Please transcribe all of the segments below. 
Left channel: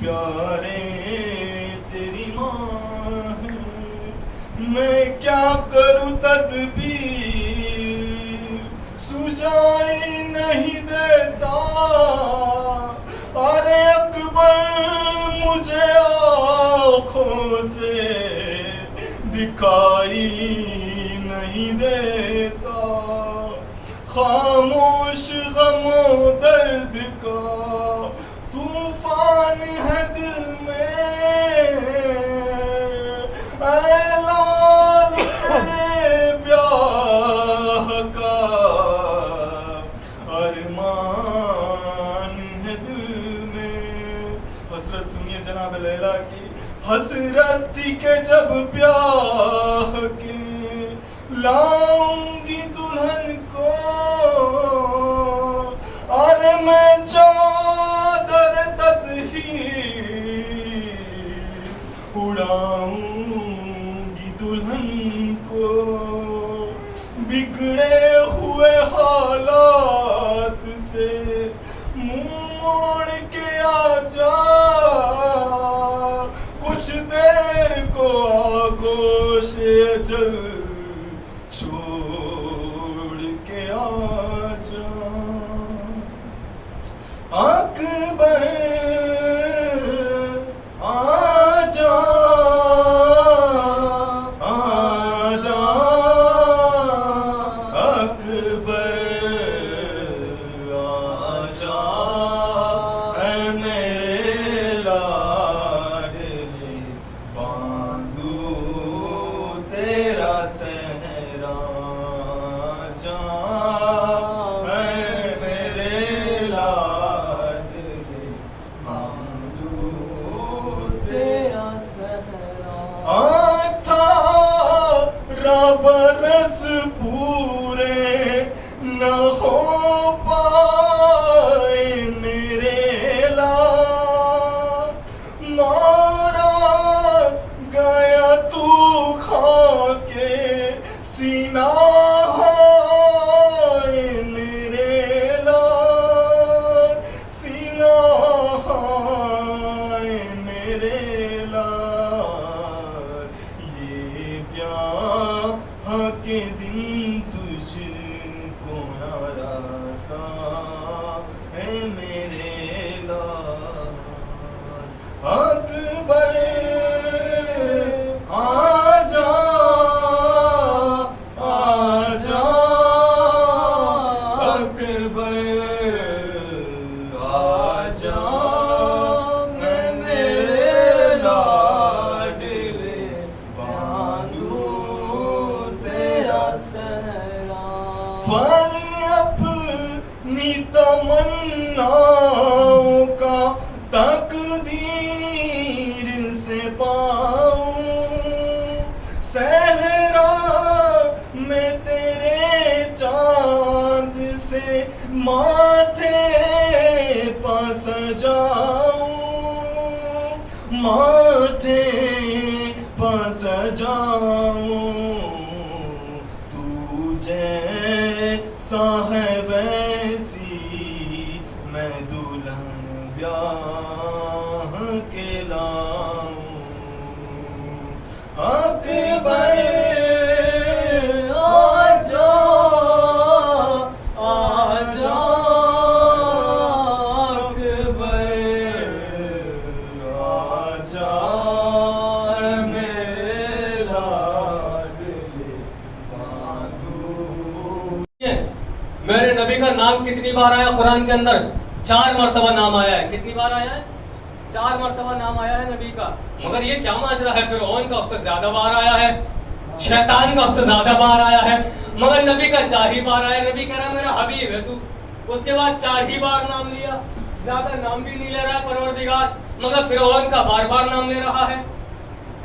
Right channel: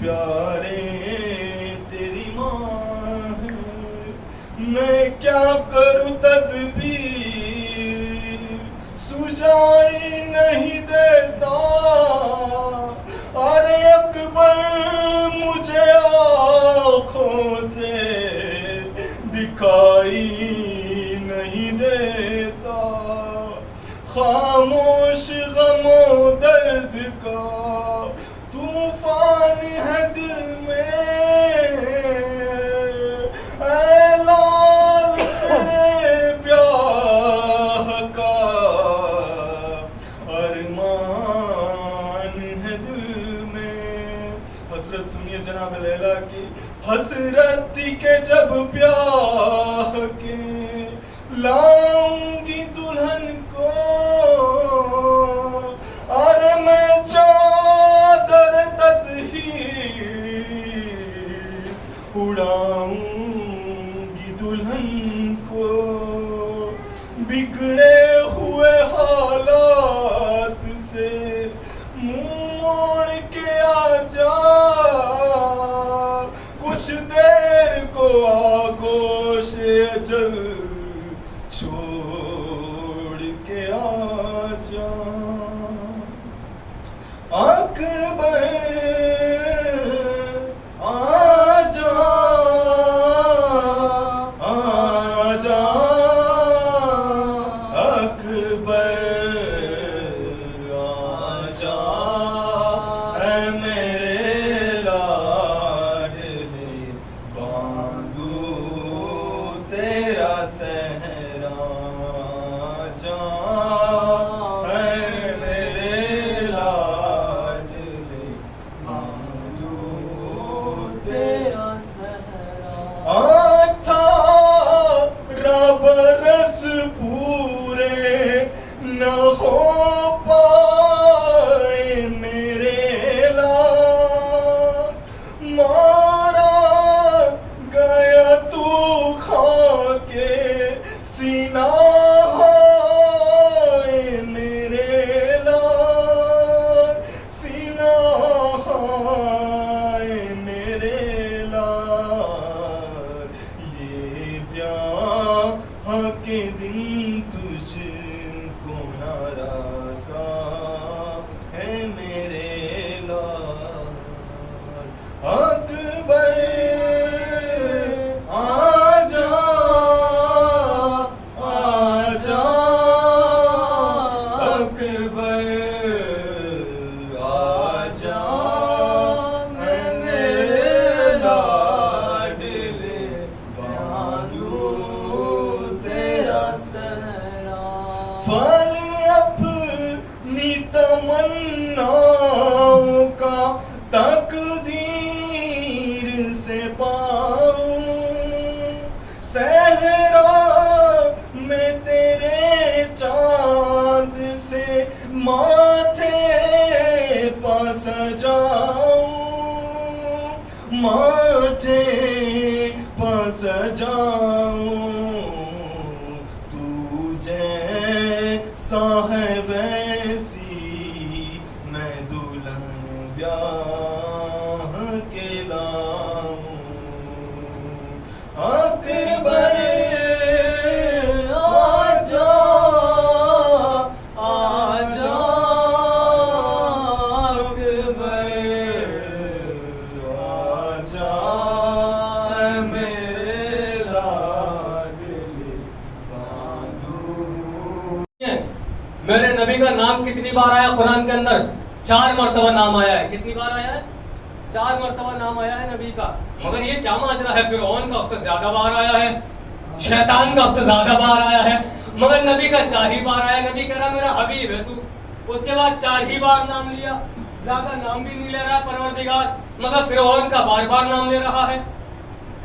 پیارے تیری ماں ہے، میں کیا کروں تدبیر سجائی نہیں دیتا، ارے اکبر مجھے آنکھوں سے دکھائی نہیں دیتا، خاموش غم و درد کا طوفان ہے دل میں، اے لال تیرے بیاہ کا ارمان ہے دل میں۔ حسرت سنیے جناب لیلا کی، حسرت تھی کہ جب بیاہ کے لاؤں گی دلہن کو، اور میں چادر تطہیر اڑاؤں گی دلہن کو، بگڑے ہوئے حالات سے منہ موڑ کے آ جا، کچھ دیر کو آغوش اجل چھوڑ کے آ جا، اکبر آ جا آ جا، اکبر آ جا، اے میرے لاڈلے باندھوں تیرا سہرا جا، اے میرے لاڈلے باندھوں تیرا سہرا۔ 18 برس پورے نہ ہو پائے میرے لال، مارا گیا تو خاکے سینہ ہے میرے لال، سینہ ہے میرے لال، یہ بیاہ کے دن تجھ کو ناراسا ہے میرے لال، اکبر آ جا آ جا، اکبر آ جا، میں میرے لاڈلے باندھوں تیرا سہرا، پھل اپنی تمناؤں کا تقدیر سے پاؤں، صحرا میں تیرے چاند سے ماتھے پا سجاؤں، ماتھے پا سجاؤں، تو جیسا ہے ویسی میں دلہن بیاہ کے لاؤں، اکبر آ جا آ جا، اکبر آ جا، اے میرے لاڈلے باندھوں۔ میرے نبی کا نام کتنی بار آیا قرآن کے اندر؟ 4 مرتبہ نام آیا ہے۔ کتنی بار آیا ہے؟ 4 مرتبہ نام آیا ہے نبی کا۔ مگر یہ کیا ماجرا ہے؟ فرعون کا اس سے زیادہ بار آیا ہے، شیطان کا اس سے زیادہ بار آیا ہے، مگر نبی کا 4 ہی بار آیا۔ نبی کہہ رہا میرا حبیب ہے تو، اس کے بعد 4 ہی بار نام لیا، زیادہ نام بھی نہیں لے رہا پروردگار، مگر فرعون کا بار بار نام لے رہا ہے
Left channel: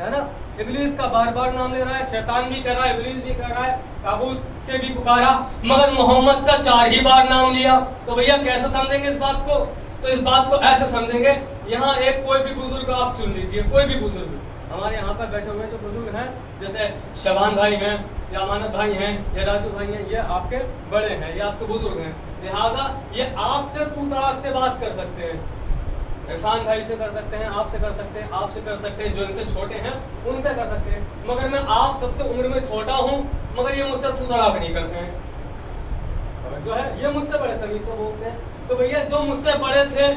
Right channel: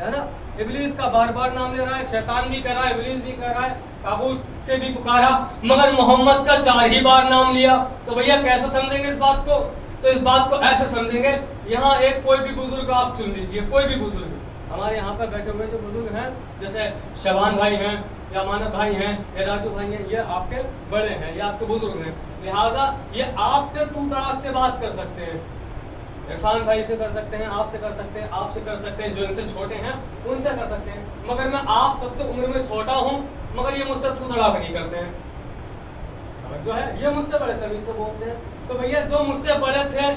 نا، ابلیس کا بار بار نام لے رہا ہے، شیطان بھی کہہ رہا ہے، ابلیس بھی کہہ رہا ہے، طاغوت سے بھی پکارا، مگر محمد کا 4 ہی بار نام لیا۔ تو بھیا کیسے سمجھیں گے اس بات کو؟ تو اس بات کو ایسے سمجھیں گے، یہاں ایک کوئی بھی بزرگ آپ چن لیجئے، کوئی بھی بزرگ ہمارے یہاں پر بیٹھے ہوئے جو بزرگ ہیں، جیسے شبان بھائی ہیں یا امانت بھائی ہیں یا راجو بھائی ہیں، یہ آپ کے بڑے ہیں، یہ آپ کے بزرگ ہیں، لہٰذا یہ آپ سے تو تڑاک سے بات کر سکتے ہیں، عرفان بھائی سے کر سکتے ہیں, آپ سے کر سکتے ہیں, آپ سے کر سکتے ہیں, جو ان سے چھوٹے ہیں ان سے کر سکتے ہیں, مگر میں آپ سب سے عمر میں چھوٹا ہوں, مگر یہ مجھ سے تو تڑاک نہیں کرتے ہیں. جو ہے یہ مجھ سے بڑے تمیز سے بولتے ہیں. تو بھیا جو مجھ سے بڑے تھے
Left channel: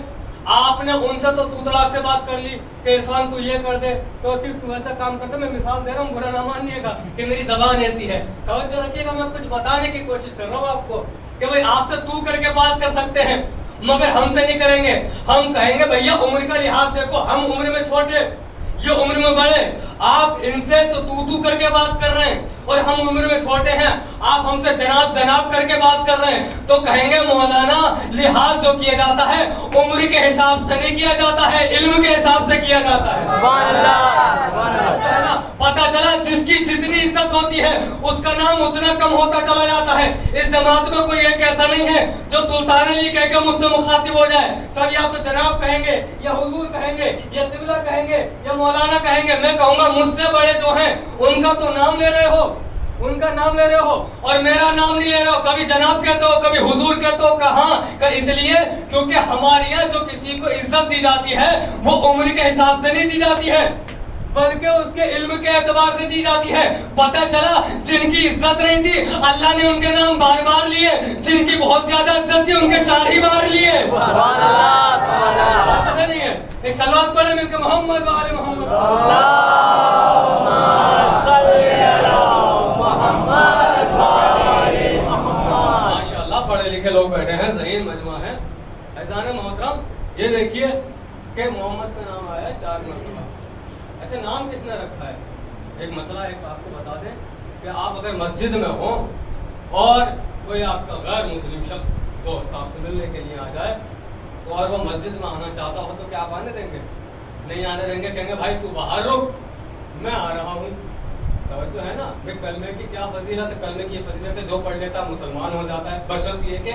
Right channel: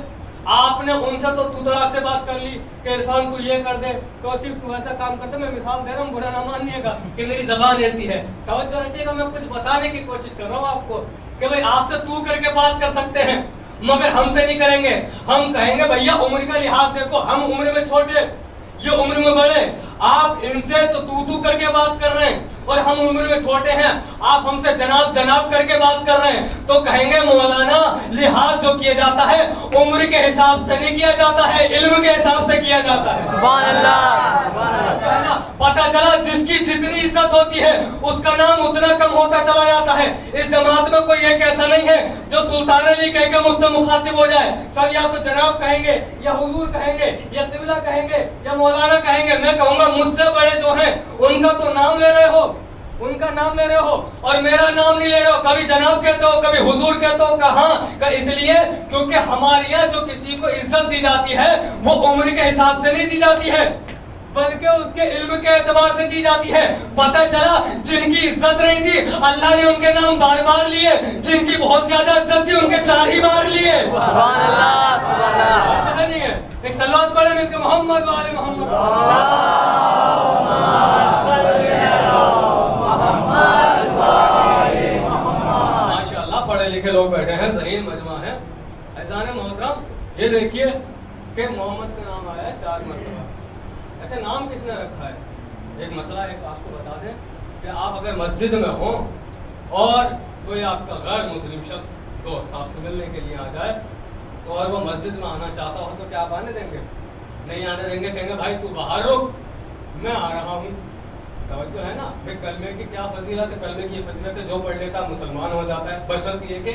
آپ نے ان سے تو تڑاک سے بات کر لی کہ عرفان تو یہ کر دے, تو صرف تو ایسا کام کرتے. میں مثال دے رہا ہوں, برا نہ مانیے گا کہ میری زبان ایسی ہے. توجہ رکھیے گا, میں کچھ بتانے کی کوشش کر رہا ہوں آپ کو کہ بھائی آپ سے تو کر کے بات کر سکتے ہیں مگر ہم سے نہیں کریں گے. ہم کہیں گے بھیا عمر کا لحاظ دیکھو, ہم عمر میں چھوٹے, یہ عمر میں بڑے, آپ ان سے تو کر کے بات کر رہے ہیں اور ہم عمر میں چھوٹے ہیں, آپ ہم سے جناب جناب کر کے بات کر رہے ہیں. تو کہیں گے مولانا لحاظ جو کیا جاتا ہے عمر کے حساب سے نہیں کیا جاتا ہے, علم کے حساب سے کیا جاتا ہے. سبحان اللہ, سبحان اللہ. پتا چلا جس کی جتنی عزت ہوتی ہے اس کا نام اتنا کم ہوتا چلا جاتا ہے. اس جماعت میں کوئی ایک ایسا نہیں ہے جو سلطان علی کہہ کے مجھ سے مخاطب ہو جائے. سب یا تو جناب کہیں گے یا حضور کہیں گے یا قبلہ کہیں گے یا مولانا کہیں گے. میں کہوں گا مجھ سے بڑے جو ہیں ان کا تو نام لے رہے ہو, ان کا نام لے رہے ہو اور میرا نام نہیں لے رہے ہو. کبھی جناب کہتے ہو, کبھی حضور کہتے ہو. کہاں؟ اس لیے کیونکہ ہمارے یہاں جو کسی کو عزت دی جاتی ہے وہ عمر کے حساب سے نہیں دی جاتی ہے بلکہ اس کے علم کے اعتبار سے دی جاتی ہے. پتہ چلا جن کی عزت نہیں تھی اللہ نے ان کے نام بار بار لیے, جن کی بہت زیادہ عزت تھی ان کے 4 ہی بار لیے. سبحان اللہ, سبحان اللہ. نہیں ہے ایک صلوات پڑھے مل کے محمد و آل محمد. ماشاءاللہ پڑھے لکھے لوگ بیٹھے ہیں, صحیح مجمع ہے. اذان محترم یہ دیکھیے کہ محمد کا نام آیا ہے 4 مرتبہ. اچھا نام کس نے رکھا ہے؟ ایک مسئلہ ایک آپ کو بتا دیں کہ آپ اگر مسجد میں ہوں اور کوئی آپ کا غیر مسلم شخص دوست آپ سے ملنے کے لیے آ جائے تو اور وہ مسجد میں آنا چاہتا ہو تو کیا آپ آنے دیں گے؟ نہیں آنے دیں گے. کہیں گے بھائی تو باہر رک, میں آ رہا ہوں. توجہ ہے نا. بھائی کلمے کی کیا فضیلت ہے؟ کلمے کی فضیلت ہے جو پڑھ لیتا مسلمان ہو جاتا ہے, بشرط یہ کہ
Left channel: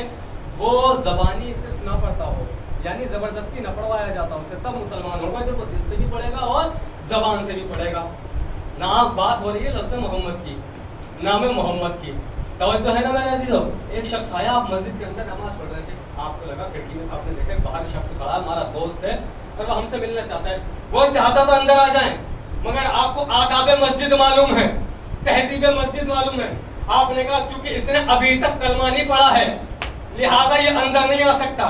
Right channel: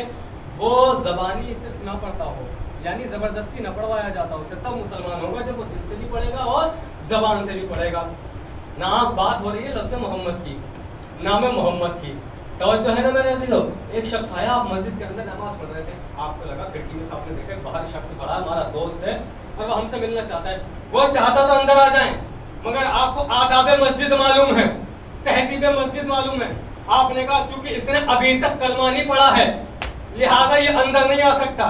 وہ زبانی صرف نہ پڑھتا ہو, یعنی زبردستی نہ پڑھوایا جاتا اسے, تب مسلمان ہوگا جب وہ دل سے بھی پڑھے گا اور زبان سے بھی پڑھے گا. نام بات ہو رہی ہے لفظ محمد کی, نام محمد کی. توجہ ہے نا میرے عزیزو. ایک شخص آیا, آپ مسجد کے اندر نماز پڑھ رہے تھے, آپ کو لگا کھڑکی میں آپ نے دیکھا باہر شخص کھڑا ہے, ہمارا دوست ہے اور وہ ہم سے ملنا چاہتا ہے. وہ چاہتا تو اندر آ جائیں مگر آپ کو آداب مسجد معلوم ہے, تہذیب مسجد معلوم ہے. آپ نے کہا کیونکہ اس نے ابھی تک کلمہ نہیں پڑھا ہے لہٰذا یہ اندر نہیں آ سکتا.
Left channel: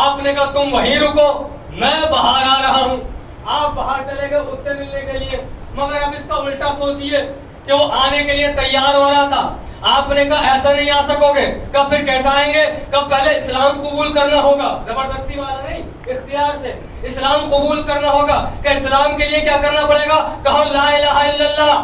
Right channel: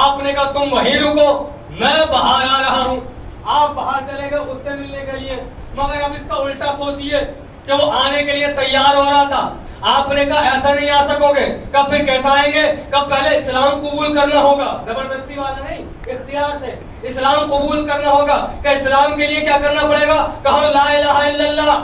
آپ نے کہا تم وہیں رکو, میں باہر آ رہا ہوں. آپ باہر چلے گئے اس سے ملنے کے لیے, مگر اب اس کا الٹا سوچئے کہ وہ آنے کے لیے تیار ہو رہا تھا. آپ نے کہا ایسا نہیں آ سکو گے. کب پھر کیسا آئیں گے؟ کب پہلے اسلام قبول کرنا ہوگا, زبردستی والا نہیں, اختیار سے اسلام قبول کرنا ہوگا. کہ اسلام کے لیے کیا کرنا پڑے گا؟ کہو لا الہ الا اللہ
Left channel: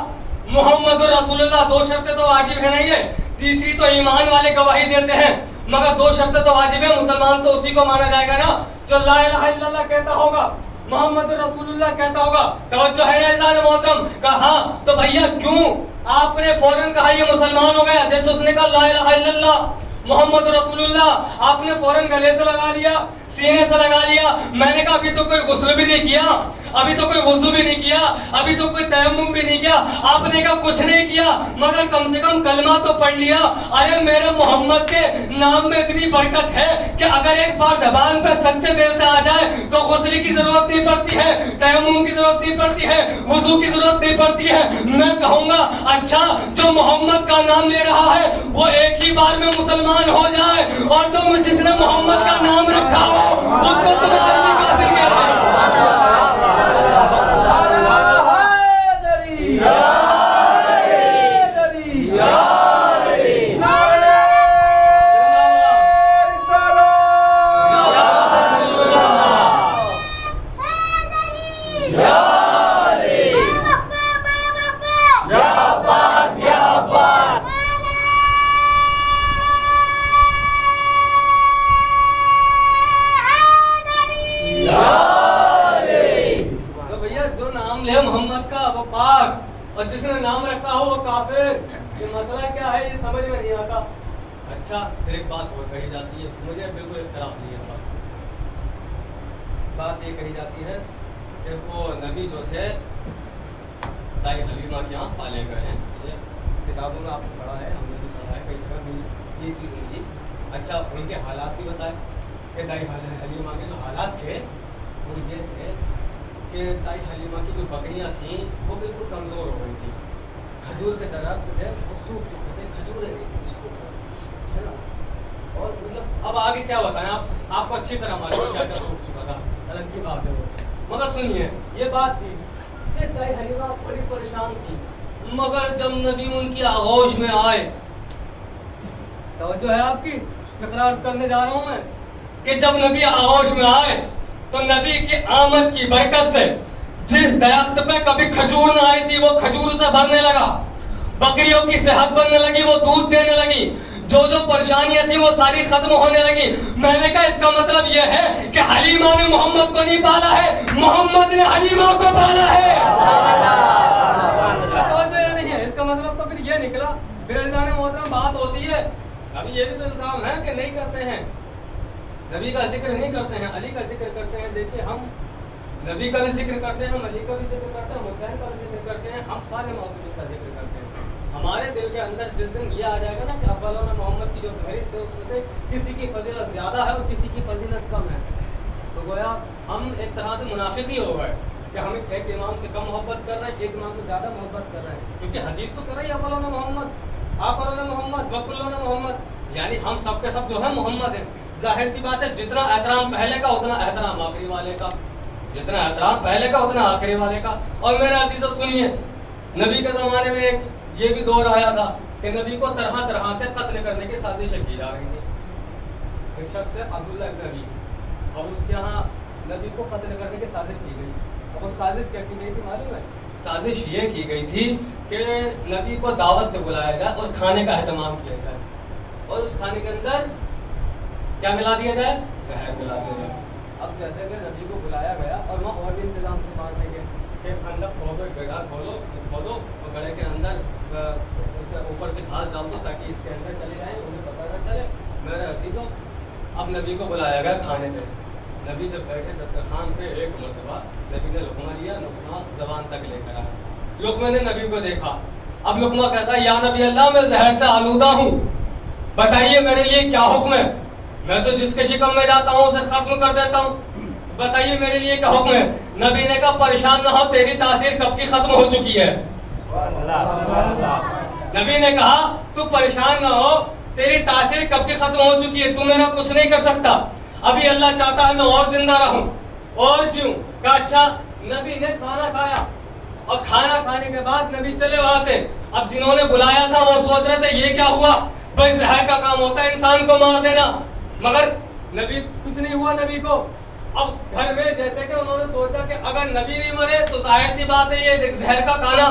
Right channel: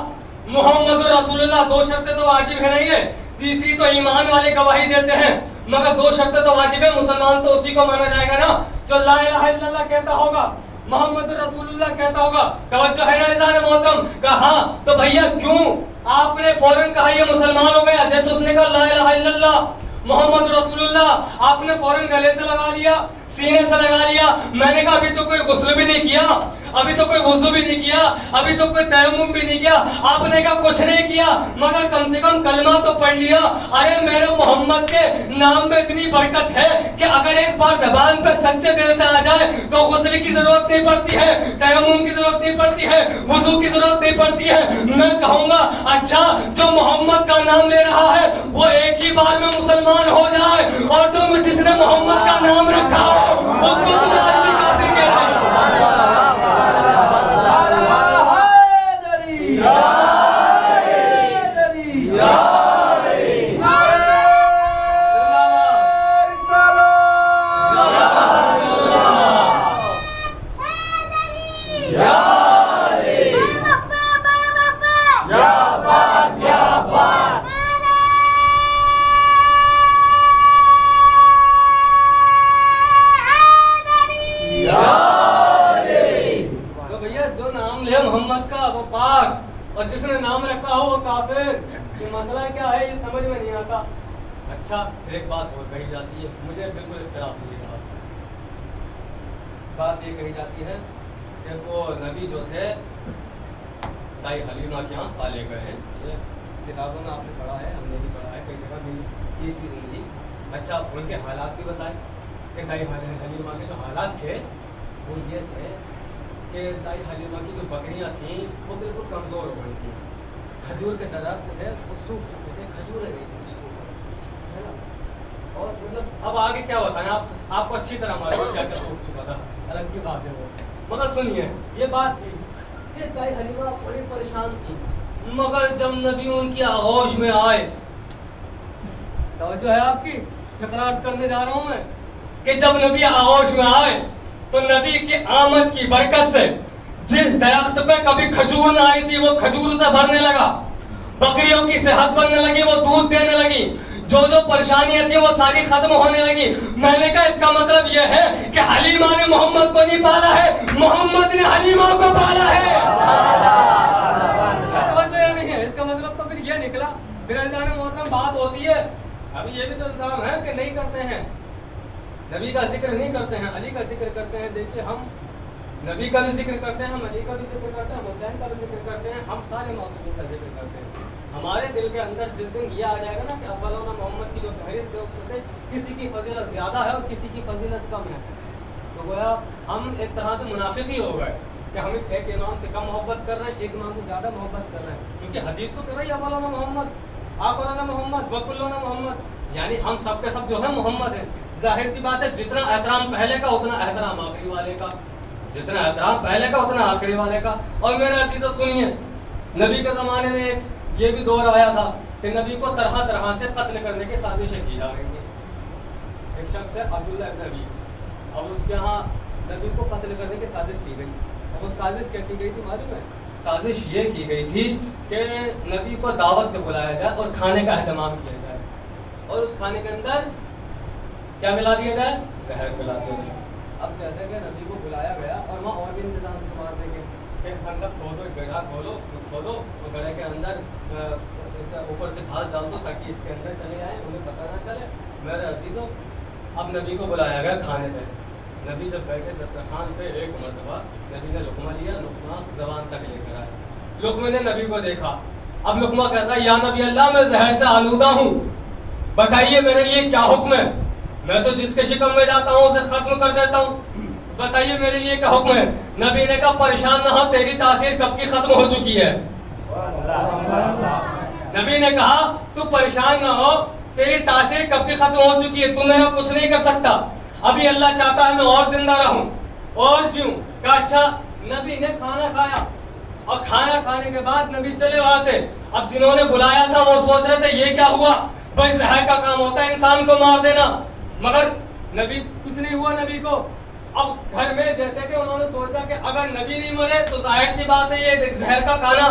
محمد رسول اللہ. 2 شرطیں تو واجب ہے نہیں ہے, تیسری تو ایمان والے گواہی دیتے ہیں, مگر 2 شرطیں تو واجب ہے. مسلمان تو اسی کو مانا جائے گا نا جو لا الہ الا اللہ کہتا ہوگا, محمد رسول اللہ کہتا ہوگا. توجہ ہے نا اذان محترم. کہا تو بھیا کیوں آپ نے فوراً کہا یہ مسلمان ہو گیا؟ جیسے اس نے کہا لا الہ الا اللہ محمد رسول اللہ, آپ نے فوراً گلے سے لگا لیا, سینے سے لگا لیا. میں نے کہا ابھی تو کوئی غسل بھی نہیں کیا, ابھی تو کوئی وضو بھی نہیں کیا, ابھی تو کوئی تیمم بھی نہیں کیا. آپ نے کہا کچھ نہیں کیا مگر کم سے کم کلمہ تو پڑھ لیا. ارے میرے محمد کے نام میں اتنی برکت ہے کہ اگر ایک بار زبان پہ سچے دل سے آ جائے تو غسل کی ضرورت نہیں پڑتی ہے, تیمم کی ضرورت نہیں پڑتی ہے, وضو کی ضرورت نہیں پڑتی ہے. میں کہوں گا اچھا جو محمد کا نام لے رہا ہے وہ ایک ہی بار میں مسلمان ہو جائے, اور جو جس نے محمد کا نام رکھا ہو اس کو تم آج بھی کافر کہہ رہے ہو. محمد کا وہ پاک اور جس نے نام رکھا ہو وہ کافر. یہ مسئلہ کیا ہے یہ سمجھ میں نہیں آتا. اچھا ایک بات اور کہی جاتی ہے, مجھے بالکل اختلاف نہیں ہے بات سے. بات یہ کہی جاتی ہے کہ وہ نبی جو تھے دائی حلیمہ کے یہاں پالے گئے ہیں. یہ کتابوں میں آپ نے پڑھا ہے, ہم نے بھی پڑھا ہے, کئی جگہ بھی یہ چیز ملی. اچھا ان کے حالات بھی بتائے کہ دائی حلیمہ کے جو حالات تھے وہ یہ تھے کہ دائی حلیمہ کی جو بکریاں تھیں وہ بالکل کمزور ہو گئی تھیں. کھجور کے درخت تھے وہ سوکھ چکے تھے, کھجوریں نہیں تھیں اس کے اوپر, ہے نا. اور مطلب اب آگے کیا بتائیں, آپ کو اچھی طرح معلوم کیا کیا سوکھ چکا تھا, الگ کی بات ہے وہ. مگر سنیے یہ بات تھی کہ دائی حلیمہ بڑی پریشان تھی, مگر جب نبی ان کی آغوش میں آئے, توجہ ہے آپ کی, اقرار کرنے جا رہا ہوں میں کہ جب نبی آغوش میں آئے تو نبی کی آمد کی برکت سے جس درخت پہ کبھی کھجور نہ آئی تھی وہ کھجور سے بھرنے لگا, بکریوں کی صحت بننے لگی, وہ دودھ دینے لگی, جو پریشانیاں تھیں وہ ساری ختم ہونے لگی. میں نے کہا اس کا مطلب یہ ہے کہ حلیمہ نے محمد کو نہیں پالا ہے, محمد نے حلیمہ کو پالا ہے. توجہ نہیں ہے, اس کا مطلب تو پھر یہ نکلا. میرے عزیزان محترم بات ہوتی ہے, ابھی یہ بھی تو الزام ہے کہ نہیں کرتے ہیں, نبی کا ذکر نہیں کرتے ہیں, علی کا ذکر کرتے ہیں. دیکھیے ہم نبی کا بھی ذکر کرتے ہیں, ہم علی کا بھی ذکر کرتے ہیں, حسین کا بھی ذکر کرتے ہیں, ہم سارے معصومین کا ذکر کرتے ہیں. ہمارے دل کے اندر جس دن یہ آ جائے گا نا کہ اولنا محمد کی جو فہرست ہے اس میں سے کسی کی فضیلت زیادہ ہے اور کسی کی فضیلت کم ہے, تو گویا ہم ایک طرح سے منافق ہی ہو گئے کہ ہم ایک امام سے کم محبت کر رہے ہیں, ایک امام سے زیادہ محبت کر رہے ہیں. کیونکہ حدیث تو کر رہی ہے اولنا محمد, آخرنا محمد, وکلنا محمد, یعنی ہم سب کے سب جو ہے محمد ہیں. ظاہر سی بات ہے جتنا احترام پہلے کا اتنا احترام آخری والے کا, جتنا احترام پہلے کا اتنا آخری والے کا. اور میرے عزیزو سنیے, نبی کے زمانے میں ایک یہ بھی دور آیا تھا کہ نبی کو طرح طرح سے قتل کرنے کی سازشیں کی جا رہی تھی. ایک شخص ہے عبداللہ ابن نبی, اور اس کے ہاں نبی کو قتل کرنے کی سازش کی گئی. اور وہ سازش کیا کی گئی تھی معلوم ہے؟ سازش یہ کی گئی تھی کہ نبی کو دعوت پہ بلایا جائے اور کھانے کا اہتمام کیا جائے, اور اس کھانے کے اندر کیا ملا دیا جائے, زہر ملا دیا جائے. اب جیسے کہ نبی کو بلایا گیا اور وہاں اور بھی انتظام سے مارنے کے کہ خندق کھودو, ایک گڑھا کھودو, اور گڑھے کے اندر اوپر سے گھاس ڈال دو تاکہ اس کے اندر چلے جائیں, انہیں پتہ نہ چلے. میرے عزیزوں اب نبی کو بلایا گیا کھانے پہ. نبی جب بیٹھے دسترخوان پہ ایک مرتبہ نبی نے لقمہ لیا, لقمہ زبان تک لے کر آیا. لقمے نے نبی کو دیکھا, اب لقمہ کہتا ہے یا نبی اللہ میں زہر سے آلودہ ہوں, بتائیے میرے لیے کیا حکم ہے, میں تو جس کے شکم میں جاتا ہوں اسے ختم کر دیتا ہوں, بتائیے میرے لیے کیا حکم ہے. نبی نے کہا پریشان نہ ہو, تیری تاثیر کب کی ختم ہو چکی ہے. نبی نے کہا تو پریشان نہ ہو, تیری تاثیر کب کی ختم ہو چکی ہے, تو میرا کچھ نہیں کر سکتا, ابھی اللہ چاہتا ہے میں اور زندہ رہوں اور جیوں. کہا اچھا. نبی نے کھانا کھایا, اور کھانا کھانے کے بعد نبی چلے وہاں سے. اب جنہوں نے بلایا تھا وہ سوچ رہے تھے یہ کیا ہوا, بھائی زہر کا کام ہوتا ہے انسان کو مار دینا, مگر نبی کچھ نہیں ہوا نبی کو. اب گھر میں جیسے کہ انہوں نے سوچا کہ اگر نبی نہیں مرے تو ظاہر سی بات ہے یہ زہر کا کھانا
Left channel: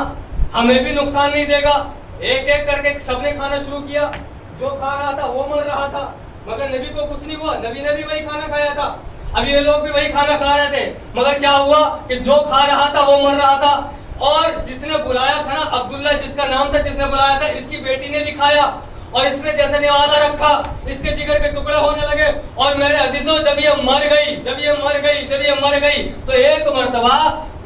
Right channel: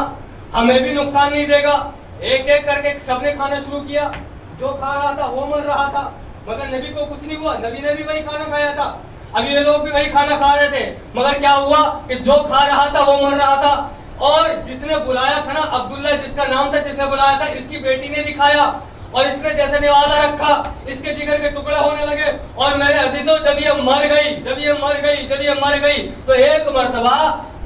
ہمیں بھی نقصان نہیں دے گا. ایک ایک کر کے سب نے کھانا شروع کیا, جو کھا رہا تھا وہ مر رہا تھا, مگر نبی کو کچھ نہیں ہوا. نبی نے بھی وہی کھانا کھایا تھا, اب یہ لوگ بھی وہی کھانا کھا رہے تھے, مگر کیا ہوا کہ جو کھا رہا تھا وہ مر رہا تھا. اور جس نے بلایا تھا نا, عبداللہ جس کا نام تھا, جس نے بلایا تھا, اس کی بیٹی نے بھی کھایا, اور اس نے جیسے نوالا رکھا اس کے جگر کے ٹکڑے ہونے لگے. اور میرے عزیزوں جب یہ مر گئی تو ایک مرتبہ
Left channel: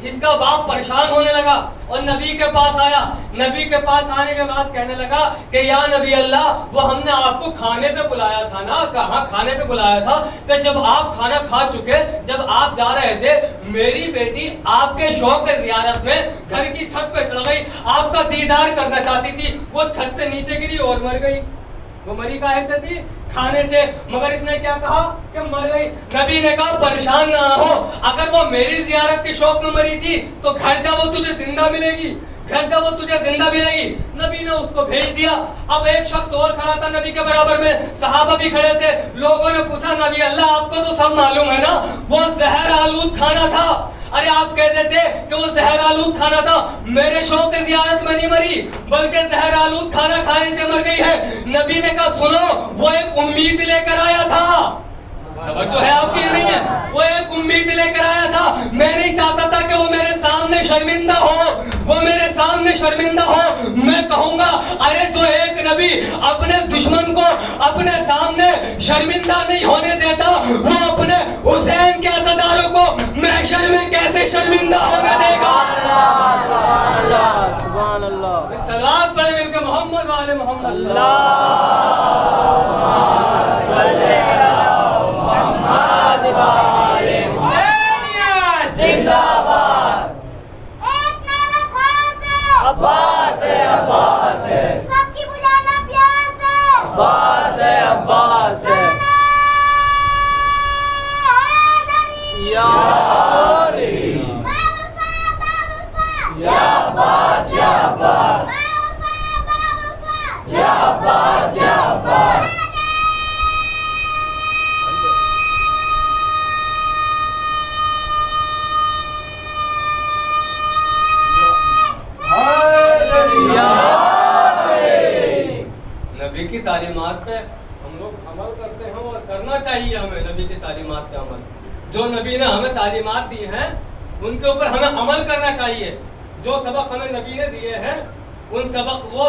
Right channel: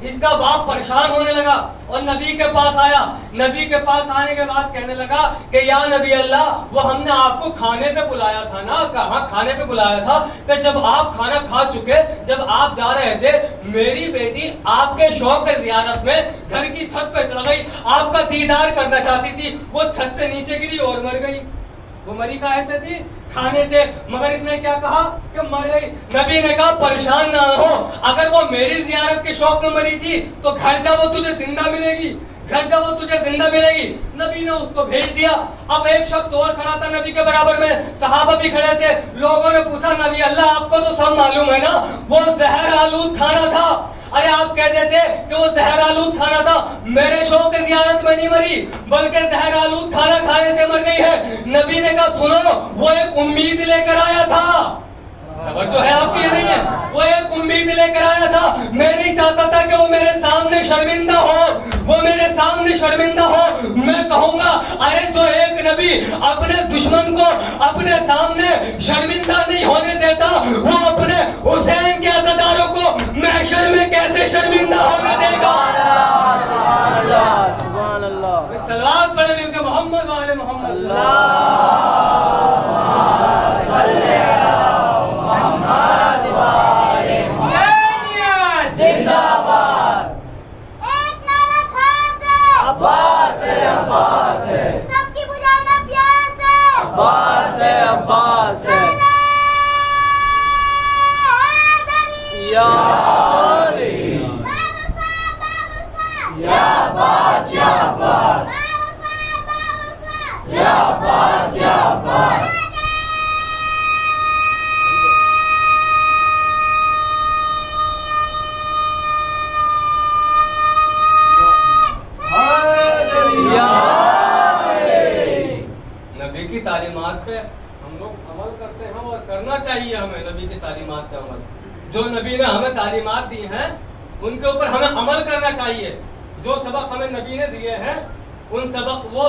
اس کا باپ پریشان ہونے لگا اور نبی کے پاس آیا. نبی کے پاس آنے کے بعد کہنے لگا کہ یا نبی اللہ, وہ ہم نے آپ کو کھانے پہ بلایا تھا نا. کہاں کھانے پہ بلایا تھا کہ جب آپ کھانا کھا چکے, جب آپ جا رہے تھے, میری بیٹی آپ کے شوق کے زیارت میں گھر کی چھت پہ چڑھ گئی, آپ کا دیدار کرنا چاہتی تھی, وہ چھت سے نیچے گری اور مر گئی. وہ مری کہاں سے تھی, کھانے سے, مگر اس نے کیا کہا کہ مر گئی. نبی نے کہا پریشان نہ ہو, اگر وہ میری زیارت کے شوق میں مری تھی تو گھر جا وہ تجھے زندہ ملے گی, گھر جا وہ تجھے زندہ ملے گی. نبی نے اس کو بھیج دیا. اب ایک شخص اور کھڑا تھا نبی کے برابر میں, صحابہ بھی کھڑے تھے. لوگوں نے پوچھا نبی اللہ آپ کو تو سب معلوم ہے نا, وہ زہر آلود کھانا تھا. ارے آپ کہتے تھے کہ وہ زہر آلود کھانا تھا, میرے شوق کی زیارت میں نہیں مری بلکہ زہر آلود کھانا کھانے سے مر گئی ہے. نبی نے کہا سنو, وہ ایک امید لے کر آیا تھا. توجہ ہے آپ کی نہیں ہے, وہ ایک امید لے کر آیا تھا. میں نہیں چاہتا تھا کہ وہ میرے سامنے شرمندہ ہو, وہ میرے سامنے شرمندہ ہو. میں کہوں گا ارے جو ایک نبی اپنے دشمن کو اپنے سامنے شرمندہ نہیں ہونے دیتا, وہ اپنے حسین کے عزاداروں کو محشر میں کیسے شرمندہ ہونے دے گا. سبحان اللہ, سبحان اللہ. صلوات پڑھیں مل کے محمد والے محمد. زندہ باد. ایک نعرہ خاص ہے. عباس ہے عباس ہے. سب کی بجانا پیاس ہے. عباس ہے عباس ہے. یا علی. یا عباس یا عباس. یا عباس یا عباس. نبی کی تعلیمات پہ ہم لوگ عمل کرتے ہیں اور کرنا چاہیے ہمیں. نبی کی تعلیمات پہ عمل, جو نبی نے ہمیں تعلیمات دی ہیں ان کے اوپر ہمیں عمل کرنا چاہیے. جو سبق ہمیں نبی نے دیے ہیں وہ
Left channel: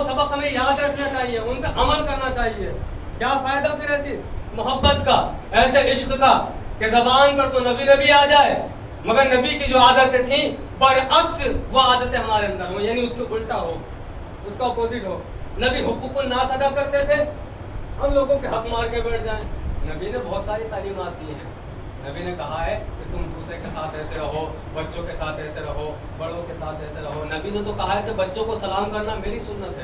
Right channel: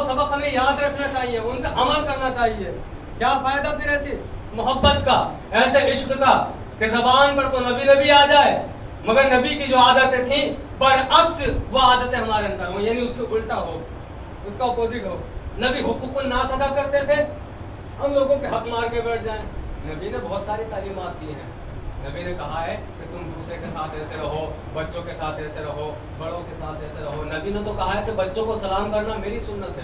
سبق ہمیں یاد رکھنا چاہیے, ان پہ عمل کرنا چاہیے. کیا فائدہ پھر ایسی محبت کا, ایسے عشق کا کہ زبان پر تو نبی آ جائے مگر نبی کی جو عادتیں تھیں برعکس وہ عادتیں ہمارے اندر ہوں, یعنی اس کے الٹا ہو, اس کا اپوزٹ ہو. نبی حقوق الناس ادا کرتے تھے, ہم لوگوں کے حق مار کے بیٹھ جائیں. نبی نے بہت ساری تعلیمات دی ہیں. نبی نے کہا ہے کہ تم دوسرے کے ساتھ ایسے رہو, بچوں کے ساتھ ایسے رہو, بڑوں کے ساتھ ایسے رہو. نبی نے تو کہا ہے کہ بچوں کو سلام کرنا میری سنت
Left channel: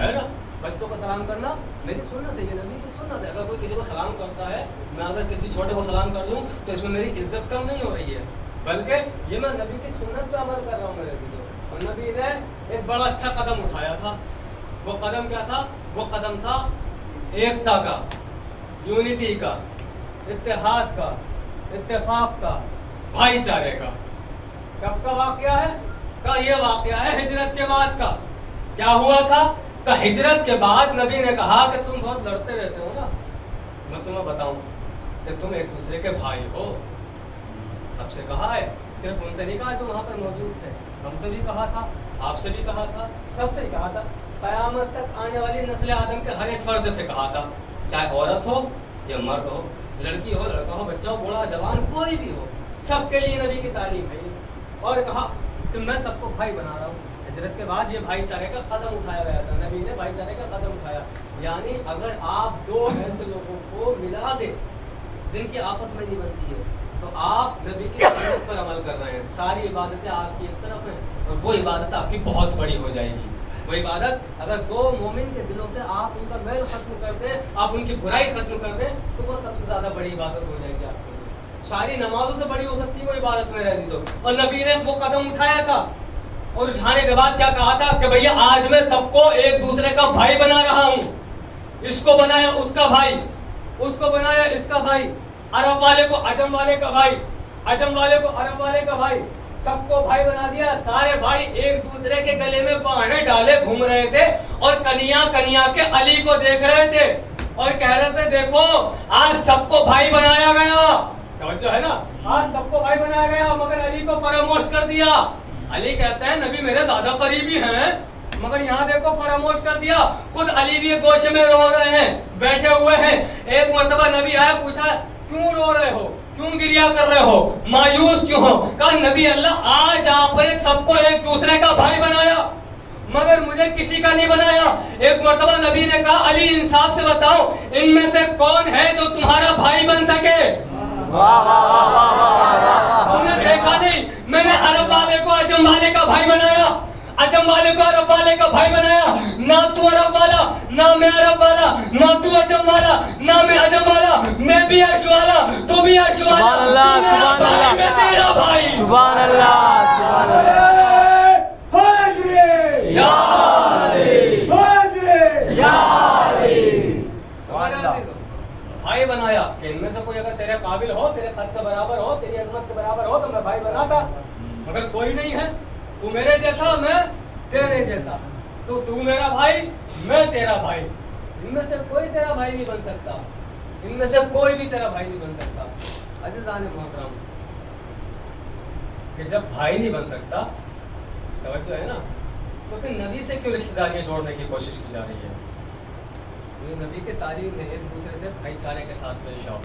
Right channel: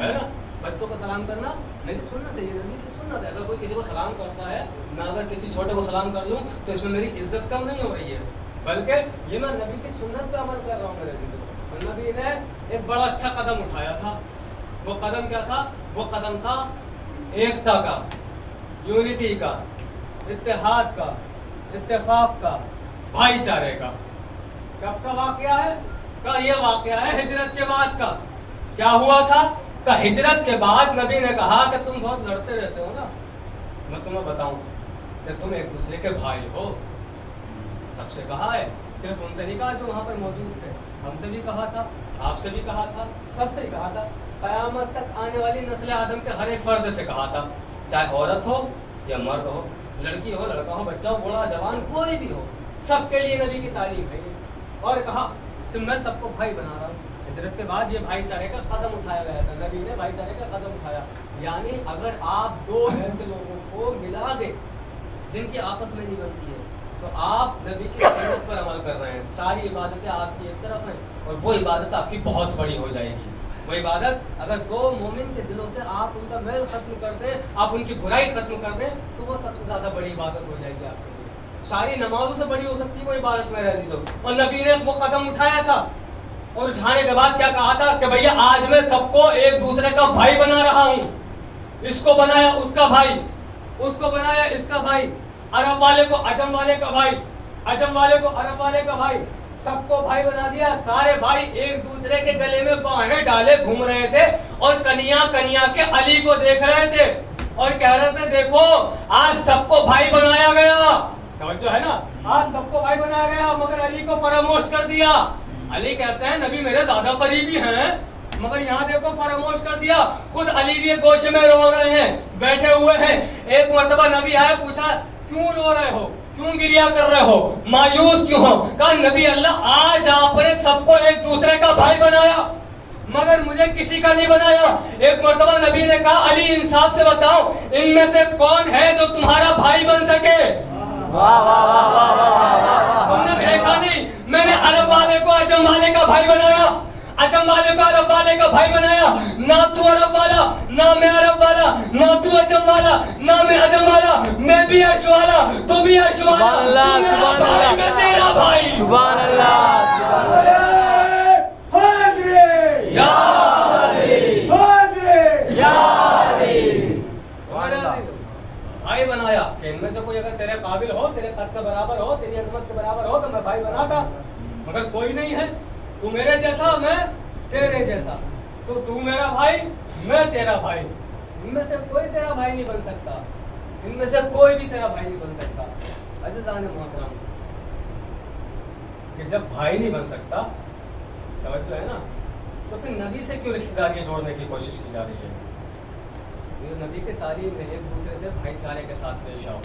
ہے نا, بچوں کو سلام کرنا میری سنت ہے, یہ نبی کی سنت ہے. اگر کوئی کسی کو سلام کرتا ہے, میں اگر کسی چھوٹے کو سلام کر دوں تو اس میں میری عزت کم نہیں ہو رہی ہے, بلکہ یہ میں نبی کی سنت پہ عمل کر رہا ہوں میرے بھی. اور نبی نے ایک بڑا اچھا قدم اٹھایا تھا. وہ قدم کیا تھا؟ وہ قدم تھا ایکتا کا, یونٹی کا, اتحاد کا, اتفاق کا, بھائی چارے کا. کب کا واقعہ ہے؟ کا یہ واقعہ ہے ہجرت کے بعد کا. کیا ہوا تھا؟ کہ ہجرت کے بعد نبی نے کہا کہ تم بہت لڑتے رہتے ہو نا, میں تمہیں بتاؤں کہ تم ایک دوسرے کے بھائی ہو. سب سے کہا ہے, صرف ان سے نہیں کہا جو وہاں پر موجود تھے, ہم سے بھی کہا تھا, آپ سے بھی کہا تھا, سب سے ہی کہا تھا. قیامت تک آنے والی نسل آدم کے ہر ایک فرد سے کہا تھا, چاہے عورت ہو یا مرد ہو, لڑکی ہو, لڑکا ہو, بچہ ہو, بوڑھا, جوان, کوئی بھی ہو, سب کے لیے نبی کی تعلیم ہے. اور کہا کہ میں سب کو بھائی بنا رہا ہوں. ہجرت کے بعد یہ بھائی چارے کا قدم اٹھایا گیا تھا, نبی نے بھائی چارے کا قدم اٹھایا. یعنی اگر آپ دو ایسے لوگوں کو ملا دیں جن کی آپس میں نہیں بنتی ہے تو آپ نبی کی سنت پر عمل کر رہے ہیں. ساری عبادتیں آپ کی ایک طرف ہیں اور وہ عبادت آپ کی بہت بڑی ہو جائے گی. وہ عبادت اگر دو مومن کے دلوں سے آپ ان کا میل ختم کر دیں, آپ ان کی برائی ختم کر دیں, تو وہ سب سے زیادہ بڑی عبادت ہو جائے گی آپ کے لیے. ساری نمازوں سے بڑی ہو سکتی ہے وہ عبادت میرے عزیزوں. اور نبی نے وہ قدم اٹھایا تھا اور اٹھانے کے بعد کیا کہا تھا کہ بھیا آج میں سب کو ایک دوسرے کا بھائی بنا رہا ہوں. اس کو بنایا اس کا بھائی, اس کو بنایا اس کا بھائی, عرب والے کو عجم والے کا بھائی, عجم والے کو عرب والے کا بھائی, سب کو بھائی بنا دیا. سارے بھائی ایک دوسرے کے گلے میں باہیں ڈالے گھوم رہے تھے اور کنیا کے علی کو دیکھ رہے تھے اور کہہ رہے تھے دیکھو آج سب کو بھائی بنایا گیا. توجہ ہے نا, آج سب کو بھائی بنایا گیا مگر علی کو فراموش کر دیا. علی کہتے ہیں نبی میرے زیادہ قریبی ہیں مگر یہاں دیکھو فراموش کر دیا. خود علی بھی گوشے میں رو رہے ہیں, بیٹھے ہوئے ہیں. ایک مرتبہ نبی آیا, پوچھا کیوں رو رہے ہو, کیوں گریا کر رہے ہو, مایوس کیوں ہو؟ کہا نبی اللہ آج آپ نے سب کو ایک دوسرے کا بھائی بنایا مگر مجھے کسی کا نہیں بنایا. ایک مرتبہ نبی نے کہا علی انصاف سے بتاؤ ان میں سے کون ہے جو تمہارا بھائی بن سکے؟ واہ واہ واہ واہ واہ واہ. تم نے دیکھا نہیں, میں نے عرب والے کو عجم والے کا بھائی بنایا, عجم والے کو عرب والے کا بھائی بنایا. نہ تو عرب والا, نہ میں عرب والا, نہ تو عجم والا, نہ میں عجم والا. میں بھی عرش والا, تو بھی عرش والا. سبحان اللہ, سبحان اللہ, میں تیرا بھائی. سبحان اللہ, سبحان اللہ. یا علی, یا علی. بھائی بنایا کہ ان میں سے کوئی اگر تیرے قابل ہو, تیرے قد کا برابر ہو, تیری عظمت کے برابر ہو تو میں بھائی بناتا. مگر کوئی نہیں ہے, تو میرے جیسا میں تیرے جیسا, تو میرا بھائی میں تیرا بھائی. ان میں سے کوئی تیرا بھائی نہیں بن سکتا, ان میں سے کوئی بھی تیرا بھائی نہیں بن سکتا. عزیزان محترم, کہ جب بھائی نہیں بن سکتا, توجہ ہے نا, تو پھر نبی سے کیوں رشتہ داریاں جوڑنے کی کوشش کی جا رہی ہے؟ یہ نبی کے تعلیم میں ایک دوسرے سے بھائی چارے کے ساتھ پیش آؤ.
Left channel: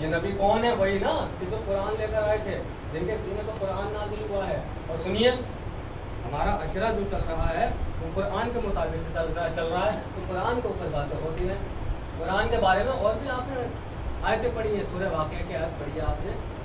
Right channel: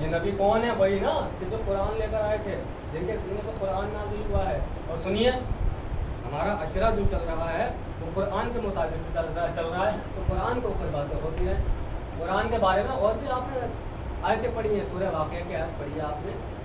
یہ نبی کون ہے؟ وہی نا کہ جو قرآن لے کر آئے تھے, جن کے سینے پر قرآن نازل ہوا ہے. اور سنیے, ہمارا عشرہ جو چل رہا ہے وہ قرآن کے مطابق سے چل رہا ہے, تو قرآن کے اوپر باتیں ہوتی ہیں. قرآن کے بارے میں اور بھی آپ نے آیتیں پڑھی ہیں, سورہ واقعہ کی آیت پڑھی ہے آپ نے,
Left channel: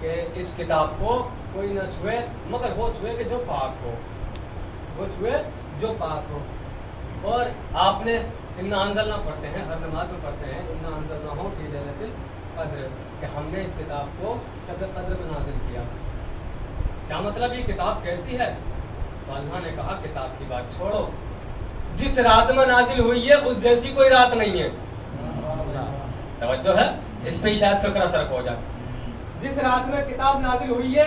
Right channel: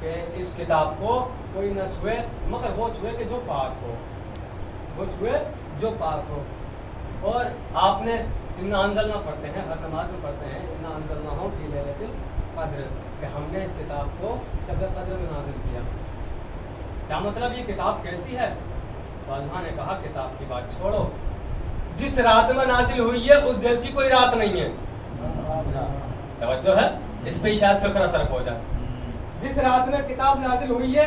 کہ اس کتاب کو کوئی نہ چھوئے مگر وہ چھوئے کہ جو پاک ہو، وہ چھوئے جو پاک ہو. اور آپ نے انا انزلنا پڑھتے ہیں، ہر نماز میں پڑھتے ہیں انا انزلناہ فی لیلۃ القدر، کہ ہم نے اس کتاب کو شب قدر میں نازل کیا. کیا مطلب یہ کتاب کیسی ہے؟ تو اللہ نے کہا کتاب کی بات چھوڑو، جس رات میں نازل ہوئی ہے اس جیسی کوئی رات نہیں ہے. توجہ ہے، اس پہ شاید فکر صرف ہو جائے. جس رات میں کتاب نازل ہوئی ہے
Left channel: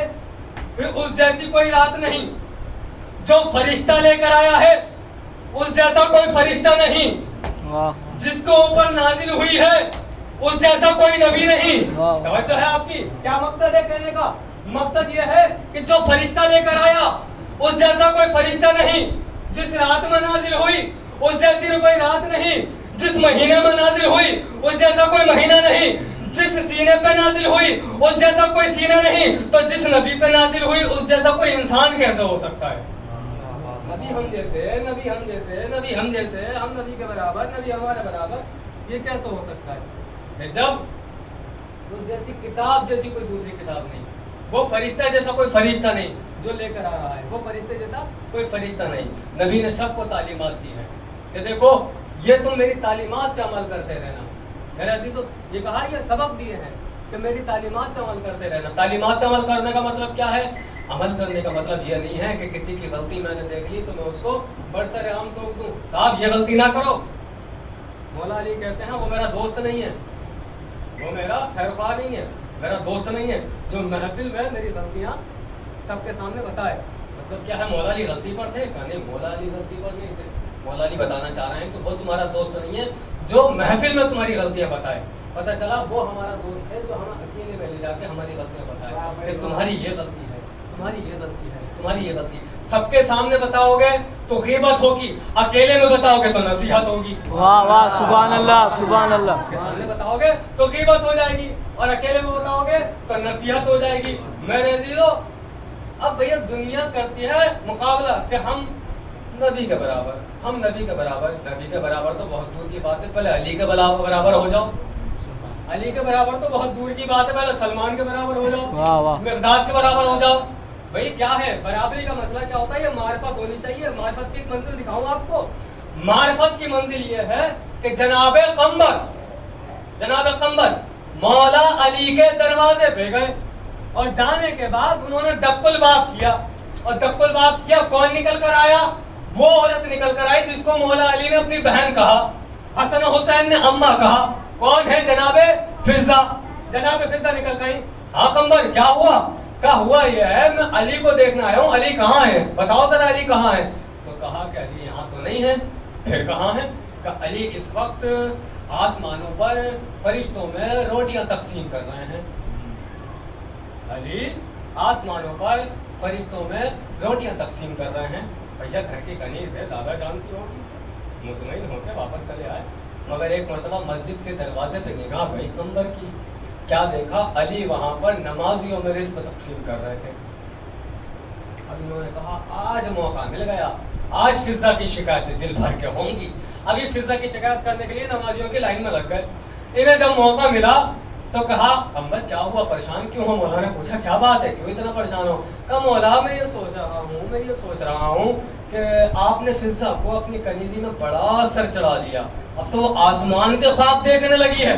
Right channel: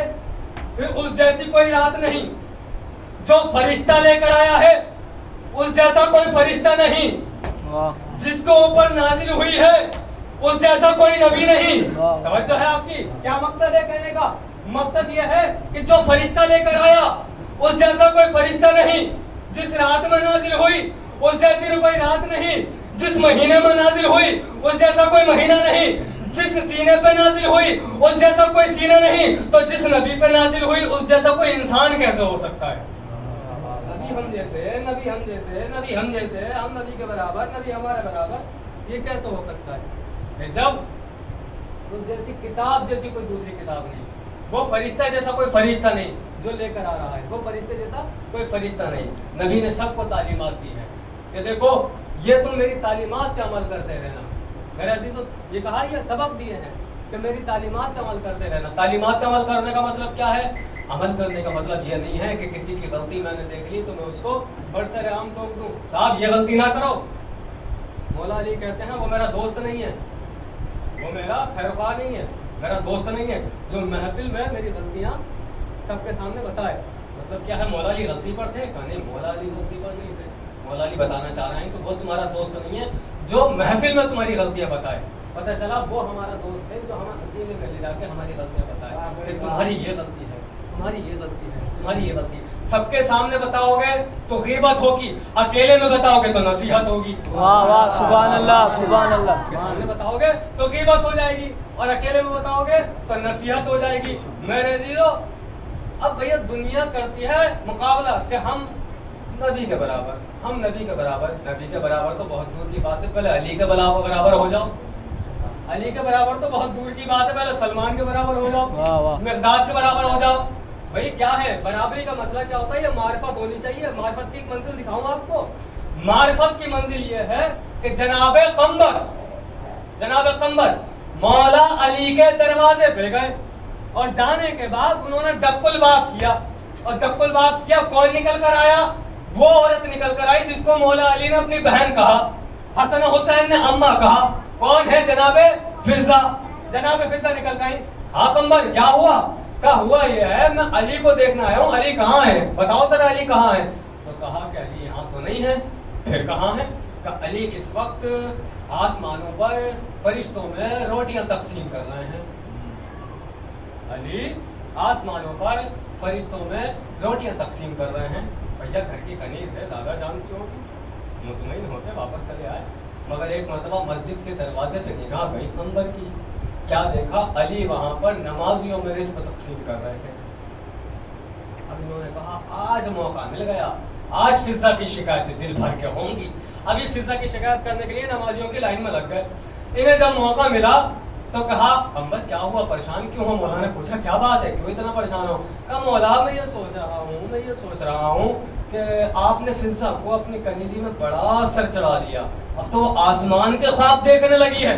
پھر اس جیسی کوئی رات نہیں. جو فرشتہ لے کر آیا ہے اس جیسا کوئی فرشتہ نہیں. جس کو اوپر نازل ہوئی ہے اس جیسا کوئی نبی نہیں. توجہ ہے آپ کی؟ کیا مقصد ہے کہنے کا؟ مقصد یہ ہے کہ جو فرشتہ لے کر آیا اس جیسا کوئی فرشتہ نہیں. جس رات میں نازل ہوئی اس جیسی کوئی رات نہیں. جس مہینے میں نازل ہوئی اس جیسا کوئی مہینہ نہیں. جس سینے پہ نازل ہوئی اس جیسا کوئی سینہ نہیں. تو جس نبی پہ نازل ہوئی اس جیسا کوئی انسان کیسے ہو سکتا ہے؟ نبی ہم جیسے، نبی ہم جیسے، نبی ہم جیسے، ہم نبی کے برابر، نبی ہمارے برابر، یہ کیسے ہو سکتا ہے؟ کہ جب اس جیسی کتاب جیسی کوئی دوسری کتاب نہیں، وہ فرشتہ جیسا کوئی فرشتہ نہیں جو لے کر آ رہا ہے، وہ فرشتے جیسا کوئی فرشتہ نہیں. نبی نے سب کو تعلیمات دی ہے کہ دیکھو یہ تم میری تعلیمات پہ عمل کرتے رہنا. میرے عزیزو، یہ کہا یہ سبق دیے ہیں کہ میری تعلیمات پہ عمل کرتے رہنا. تعلیمات پہ عمل کرنے کا مطلب کیا ہے؟ عمل کرنے کا مطلب یہ نہیں ہے کہ کسی کی غلطی میں نے دیکھ لی تو میں اس کو بڑھ سر عام ٹوک دوں. صاحب یہ غلطی نہ کرو. مولا علی کہتے ہیں وہ میرا دوست نہیں ہے، وہ میرا خیر خواہ نہیں ہے، میرا دوست نہیں ہے جو محفل میں میری غلطیاں سب کے سامنے بتائے. مطلب کیا ہے؟ مولا علی غلطی پر تھے؟ کہا نہیں، مولا علی غلطی پر نہیں تھے. مولا علی بتانا چاہ رہے ہیں کہ وہ تمہارا دوست نہیں ہے جو محفل میں تمہاری غلطیاں بتائے. پتہ چلا وہ ہمارا دوست ہے جو ہمیں اکیلے میں لے جا کے ہماری غلطیاں بتائے کہ تمہاری یہ غلطی ہے، تمہاری یہ غلطی ہے، تمہاری یہ غلطی. سب کے سامنے بتاؤ گے تو غیبت ہوگی، اکیلے میں بتاؤ گے تو نصیحت ہوگی. واہ واہ، سبحان اللہ، سبحان اللہ. کے سامنے بتاؤ گے تو غیبت ہو جائے گی اور اکیلے میں بتاؤ گے تو نصیحت ہو جائے گی. میرے عزیزو، اب بھیا دنیا کرتی ہے مقابلہ کہ ہم نبی کے برابر، ہم نبی کے برابر. نبی کے برابر تو بہت دور کی بات ہے، پہلے علی کے برابر ہو جاؤ. علی کے برابر تو بہت دور کی بات ہے، پہلے سلمان کے برابر ہو جاؤ، مقداد کے برابر ہو جاؤ. بھائی کیا ہے برابری کا مسئلہ؟ کیا ہوتا ہے؟ یہ معرفت ہونی چاہیے. معرفت کی ایک منزل دکھاؤں آپ کو. معرفت کی منزل یہ ہے کہ جناب قمر مولا علی کے دروازے پہ گئے اور جانے کے بعد انہوں نے دق الباب کیا. اور دق الباب کیا، کون نکل کر آیا؟ وہ عورت نکل کر آئی جس کو مولا علی نے اپنی بہن کہا، حسن و حسین نے اماں کہا. کون ہے؟ جناب فضا. جناب فضا نکل گئی. ہاں قمر کیا ہوا؟ کہا ہوا یہ ہے میں علی کو دیکھنا آیا ہوں، علی کہاں ہے؟ بتاؤ ذرا علی کہاں ہے؟ تو کہا کہ علی یہاں تو نہیں ہے. پھر کہاں ہے؟ کہ علی اس وقت آسمانوں پر فرشتوں میں روٹیاں تقسیم کر رہے ہیں. علی آسمانوں پر فرشتوں میں روٹیاں تقسیم کر رہے ہیں. بھیا گھر کی کنیز ہے، زیادہ جانتی ہوگی، مطمئن ہو کے واپس چلے آئے. مگر ایک مرتبہ مسجد کے دروازے پہ نگاہ گئی قمر کی. کیا دیکھا؟ علی وہاں پر نمازیوں میں رزق تقسیم کر رہے تھے. اب انہوں نے کہا آج موقع مل گیا، آج فضا کی شکایتیں دل بھر کے ہوں گی. ابھی فضا کی شکایت کرنے کے لیے نمازیوں کی لائن میں لگ گئے. انہیں جب موقع ملا تو کہا قمر کیا ہوا، پریشان کیوں ہو؟ مولا نے پوچھا کیا بات ہے، کیوں اتنا پریشان ہو؟ کہا مولا میں یہ سوچ رہا ہوں کہ آپ نے فضا کو اپنی کنیزی میں بڑا سر چڑھا دیا، اب تو وہ آسمان کے خواب دیکھنے لگی ہے.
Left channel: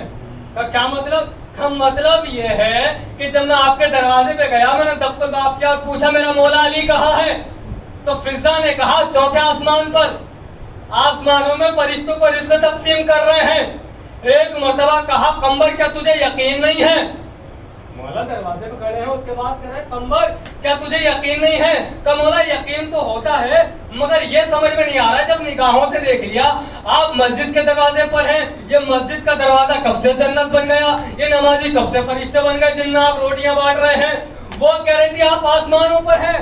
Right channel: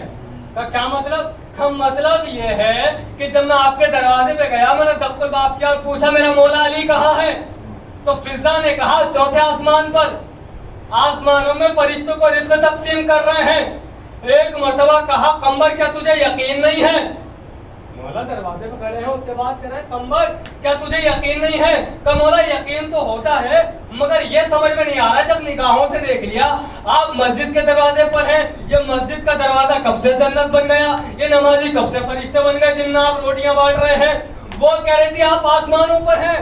کیا مطلب؟ مطلب یہ ہے کہ جب میں آپ کے دروازے پہ گیا، میں نے دق الباب کیا اور پوچھا میرا مولا علی کہاں ہے، تو فضا نے کہا چوتھے آسمان پر، آسمانوں میں فرشتوں کو رزق تقسیم کر رہے ہیں. ایک مرتبہ کہا قمر کیا تجھے یقین نہیں ہے؟ مولا دروازے پہ کھڑے ہیں، اس کے بعد کہہ رہے ہیں قمر کیا تجھے یقین نہیں ہے؟ کہ مولا یقین تو ہوتا ہے مگر یہ سمجھ میں نہیں آ رہا، جب نگاہوں سے دیکھ لیا آپ مسجد کے دروازے پر ہیں، یہ مسجد کا دروازہ کب سے جنت بن گیا، یہ نمازی کب سے فرشتے بن گئے جن میں آپ روٹیاں بانٹ رہے ہیں. وہ کہہ رہی تھی آپ آسمانوں پر ہیں.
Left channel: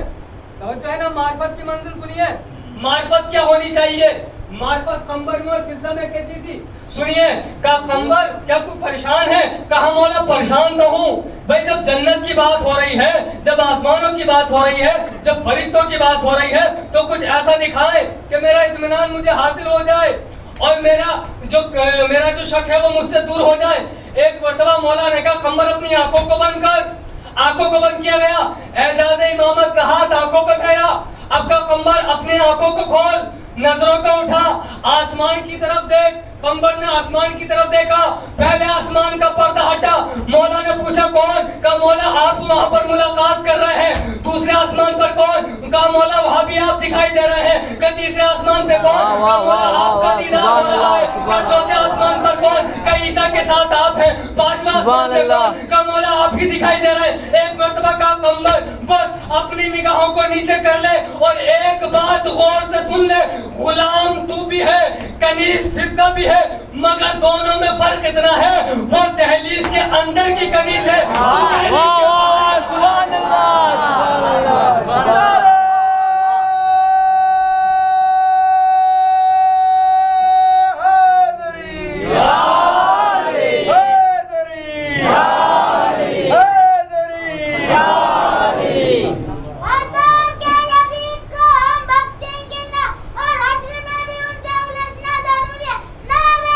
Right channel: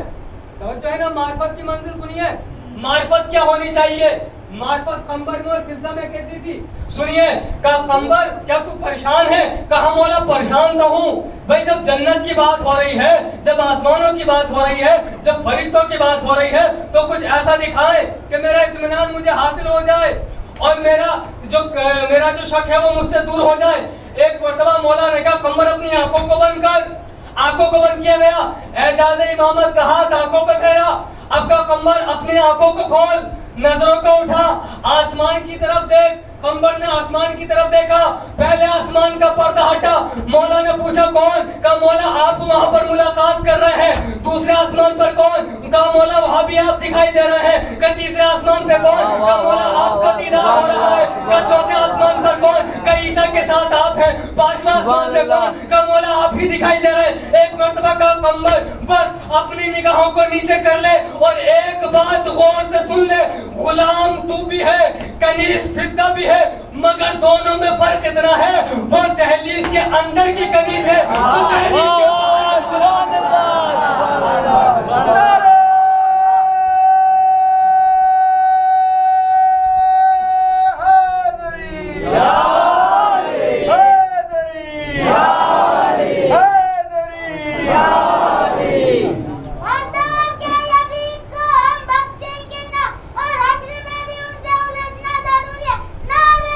توجہ ہے نا؟ معرفت کی منزل سنیے. معرفت کیا ہونی چاہیے؟ معرفت قمر میں اور فضا میں کیسی تھی سنیے. کہا قمر کیا تو پریشان ہے؟ کہا مولا پریشان تو ہوں. بھائی جب جنت کی بات ہو رہی ہے، جب آسمانوں کی بات ہو رہی ہے، جب فرشتوں کی بات ہو رہی ہے تو کچھ ایسا دکھائے کہ میرا اطمینان مجھے حاصل ہو جائے اور میرا جو شک ہے وہ مجھ سے دور ہو جائے. ایک مرتبہ مولا نے کہا قمر اپنی آنکھوں کو بند کر. آنکھوں کو بند کیا گیا. اعجاز امامت کا ہاتھ آنکھوں پہ پھیرا. اب کا قمر اپنی آنکھوں کو کھول, نظروں کو اٹھا, آسمان کی طرف دیکھ. قمر نے آسمان کی طرف دیکھا. پہلے آسمان کا پردہ ہٹا. مولا نے پوچھا کون؟ کہا مولا آپ وہاں پر ملاقات کر رہے ہیں. دوسرے آسمان پر کون؟ کہا مولا وہاں بھی آپ دکھائی دے رہے ہیں. کہا تیسرے آسمان پہ کون؟ کہا مولا آپ کا دیدار ہو رہا ہے. کہا چوتھے آسمان پر کون؟ کہا عیسیٰ کے ساتھ آپ ہیں. پانچویں آسمان پہ کون؟ کہا مولا آپ ہی دکھائی دے رہے ہیں. ایک مرتبہ کہا قمر بس اپنی نگاہوں کو نیچے کر لے اور ایک بات غور سے سن لے. غلام تو بھی ہے, کنیز فضہ بھی ہے, مگر دونوں میں فرق اتنا ہے, وہ دہلیز کے اندر کی کنیز ہے, تو دہلیز کے باہر. سبحان اللہ, سبحان اللہ, سبحان اللہ. مردار کے یزید کو ہم بخشیں گے نہ اور حشر میں بھی ان سے الجھنا ضروری ہے. نعرہ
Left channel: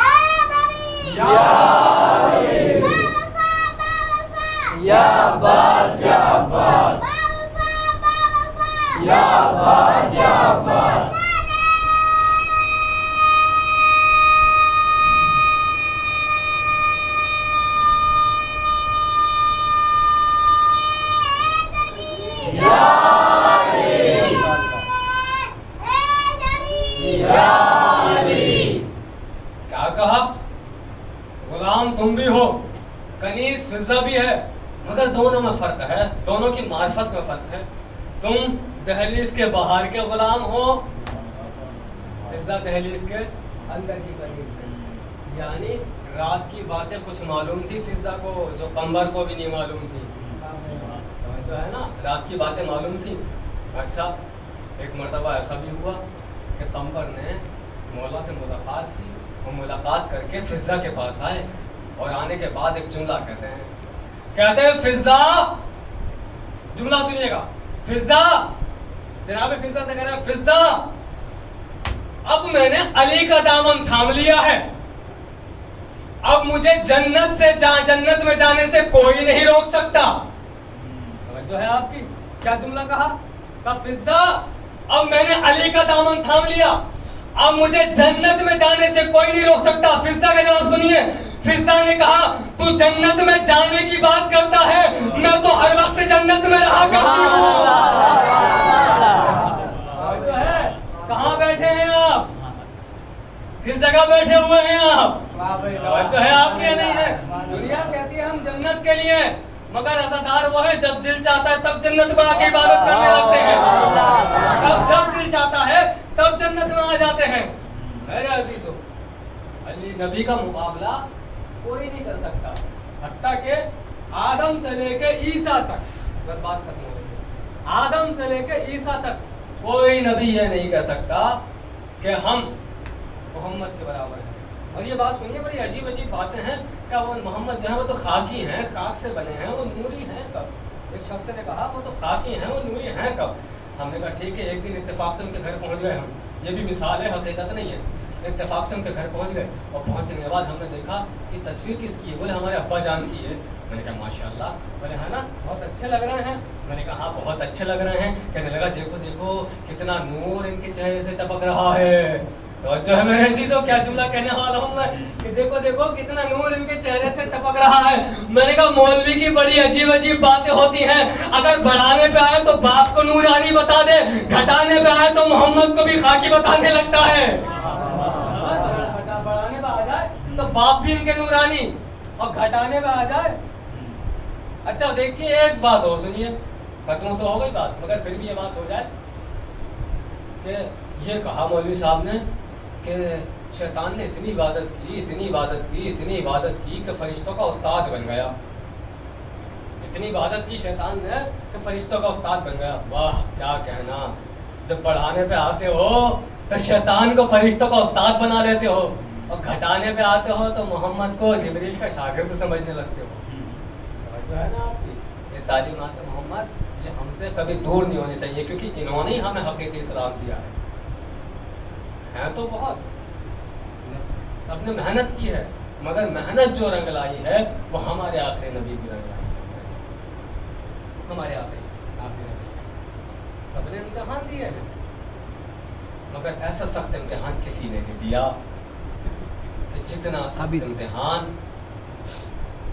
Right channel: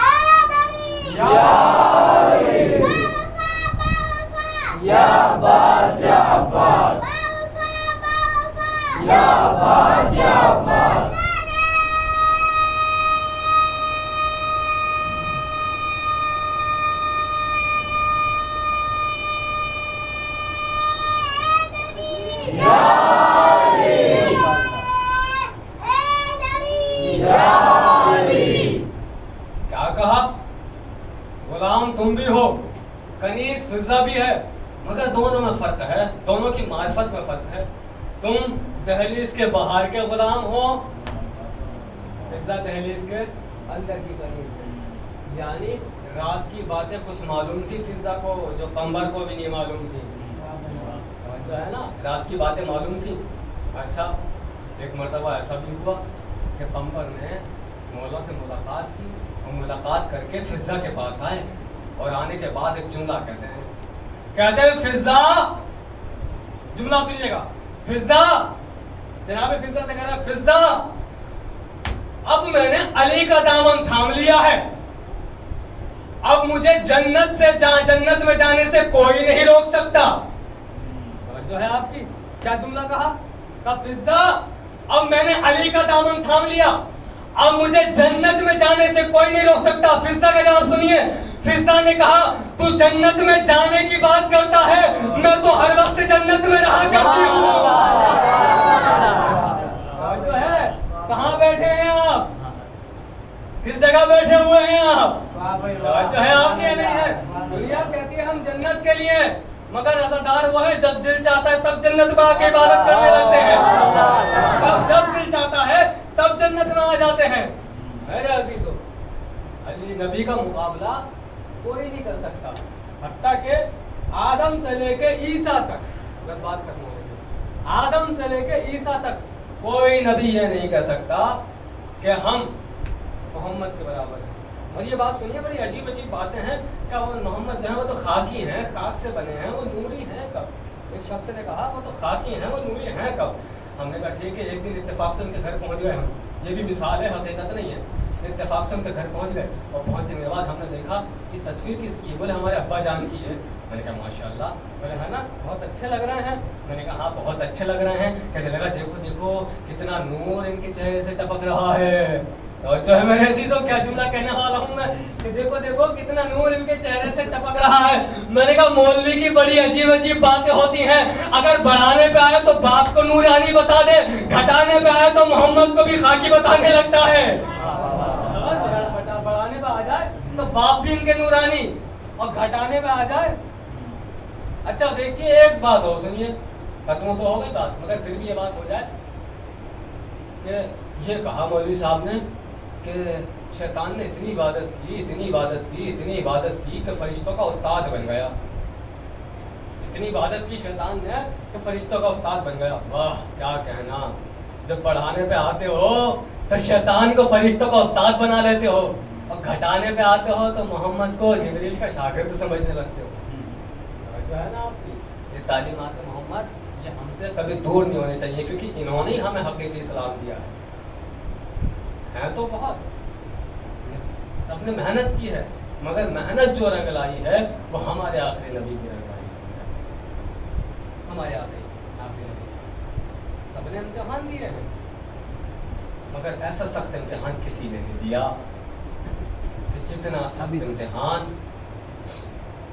حیدری. یا عباس, یا عباس, یا عباس, یا عباس. کیا کہا؟ غلام تم بھی ہو, کنیز فضہ بھی ہے, مگر دونوں میں فرق ہے, دونوں کی معرفت میں فرق ہے. تم دہلیز کے باہر کے غلام ہو, فضہ دہلیز کے اندر کی کنیز ہے. یعنی راز کی باتیں کچھ معلوم تھی فضہ کو جو قمر کو بھی نہیں معلوم تھی. جو ہے نا, راز کی باتیں معلوم تھی. اچھا, ایک مرتبہ ایسا بھی ہوا کہ قمر نے مولا سے ملاقات کی اور ملاقات کر کے فضہ کے پاس آئے اور آنے کے بعد ایک جملہ کہتے ہیں فضہ, جملہ سنیے گا, فضہ, جناب فضہ سے کہہ رہا ہے فضہ اب میں نے علی کا دامن تھام لیا ہے, اب مجھے جنت میں جانے سے کوئی نہیں روک سکتا. جو ہے آپ کی کیا جملہ کہا؟ فضہ اب میں نے علی کا دامن تھام لیا, اب مجھے جنت میں جانے سے کوئی نہیں روک سکتا. فضہ کا جواب سنیے. فضہ نے کہا تو جنت میں جانے کی بات کرتا ہے, میں تو ہر وقت جنت میں رہا کرتی ہوں. جو ہے کہاں بیٹھے ہیں آپ, کس جگہ بیٹھے ہوئے ہیں آپ؟ جو ہے آپ کے نہیں ہے. دنیا کہتی ہے ہم جنت کے لیے, مگر عزادار وہ ہے جب دل چاہتا ہے تب جنت میں آ کے عبادت کرنے لگتے ہیں. جب دل چاہتا ہے تب جنت میں آ جاتے ہیں. میرے عزیزو, علی نبی کا مقابلہ کوئی نہیں کر سکتا, حتیٰ کہ آدم سے لے کے عیسیٰ تک, بس بات ختم ہو رہی ہے, آدم سے لے کے عیسیٰ تک کوئی نبی یہ نہیں کہہ سکتا کہ ہم محمد کے برابر ہیں. اور یہ بات سنیے, بڑی عجیب عجیب باتیں ہیں کہ وہ محمد جو ہے وہ تو خاکی ہیں, خاک سے بنے ہیں, وہ نوری ہیں کب؟ ایک شخص نے کہا وہ تو خاکی ہیں, وہ نوری ہیں کب؟ ہم نے کہا ٹھیک ہے, ایک دن اتفاق سے ان کے گھر پہنچ گئے ہم, یہ بھی مثال ہے, حقیقت نہیں ہے. اتفاق سے ان کے گھر پہنچ گئے اور پہنچنے کے بعد ہم نے دیکھا یہ تصویر کس کی ہے؟ بولے ہمارے ابا جان کی ہے. میں نے کہا ماشاء اللہ. بولے ہے نا بہت اچھے لگ رہے ہیں. میں نے کہا ہاں بہت اچھے لگ رہے ہیں. کہنے لگا دیکھو دیکھو کتنا نور ان کے چہرے سے ٹپک رہا ہے. تو جو ہے میرے عزیزوں کیا جملہ کہنے والا ہوں میں کہ دیکھو دیکھو کتنا نور ان کے چہرے سے ٹپک رہا ہے. میں نے کہا مولوی کی بڑی عجیب عجیب باتیں ہوتی ہیں, اگر بڑھانے پہ آئے تو باپ کو نورانی بتا دے, گھٹانے پہ آئے تو محمد کو بھی خاکی بتانے لگتا ہے. بڑھانے پہ آ جائے تو باپ بھی ان کے نورانی اور گھٹانے پہ آ جائے. اچھا دیکھیے ایک بات اور سنیے, ختم تو ہو گئی بات مگر پھر بھی یہ بات ہو جائے کہ یہ کہا مولوی صاحب نے کہ شیطان نے اتنی عبادت کی, اتنی عبادت کی, اتنی عبادت کی کہ فرشتوں کا استاد بن گیا. اتنی عبادت کی شیطان نے کہ فرشتوں کا استاد بن گیا. واہ کیا کہنا, جب بڑھانے پہ آتے ہو تو شیطان کو فرشتوں کا استاد بنا لیتے ہو اور گھٹانے پہ آتے ہو تو محمد کو جبریل کا شاگرد سمجھنے لگتے ہو. جو ہے نا آپ کی یہ تعلیمات محمد یہ ہم سے کبھی دور نہیں ہونی چاہیے, کیونکہ انہوں نے ہی ہمیں حقیقی اسلام دیا ہے. ہے تو بہت، سب نے محنت کی ہے، مگر محنت جو رنگ لائی ہے وہ ہمارے آخری نبی کی رنگ لائی ہے، ہمارے آخری نبی۔ سب نے امتحان دیے ہیں، مگر ایسا سخت امتحان کسی نے نہیں دیا کہ جتنا سخت امتحان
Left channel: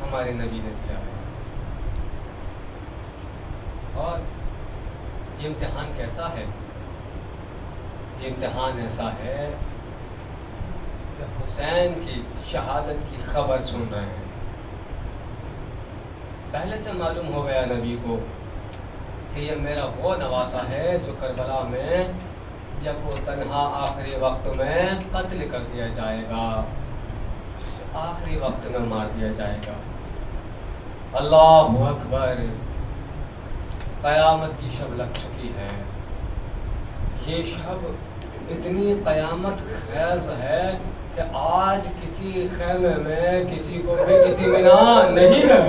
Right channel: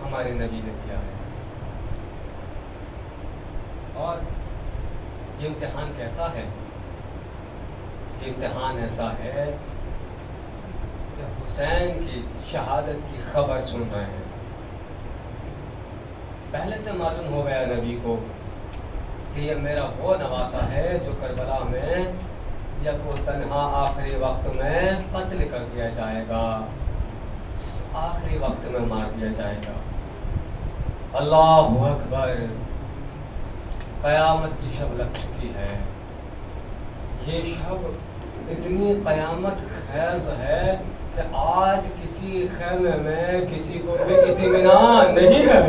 ہمارے نبی نے دیا ہے۔ اور یہ امتحان کیسا ہے؟ یہ امتحان ایسا ہے کہ حسین کی شہادت کی خبر سن رہے ہیں، پہلے سے معلوم ہو گیا نبی کو کہ یہ میرا وہ نواسا ہے جو کربلا میں یکو تنہا آخری وقت میں قتل کر دیا جائے گا، آخری وقت میں مار دیا جائے گا۔ اللہ اکبر، قیامت کی شب لگ چکی ہے۔ یہ شب اتنی قیامت خیز ہے کہ آج کسی خیمے میں کسی کو بھی اطمینان نہیں ہے۔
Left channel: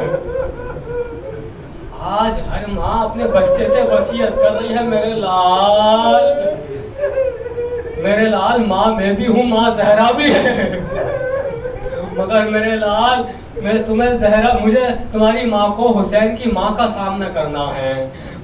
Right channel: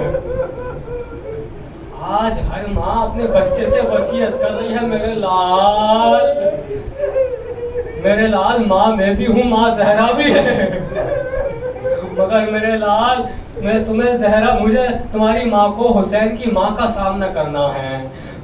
آج ہر ماں اپنے بچے سے وصیت کر رہی ہے، میرے لال ماں میں بھی ہوں، ماں زہرا بھی ہے، مگر میرے لال مجھے تمہاری ماں کو حسین کی ماں کا سامنا کرنا ہے۔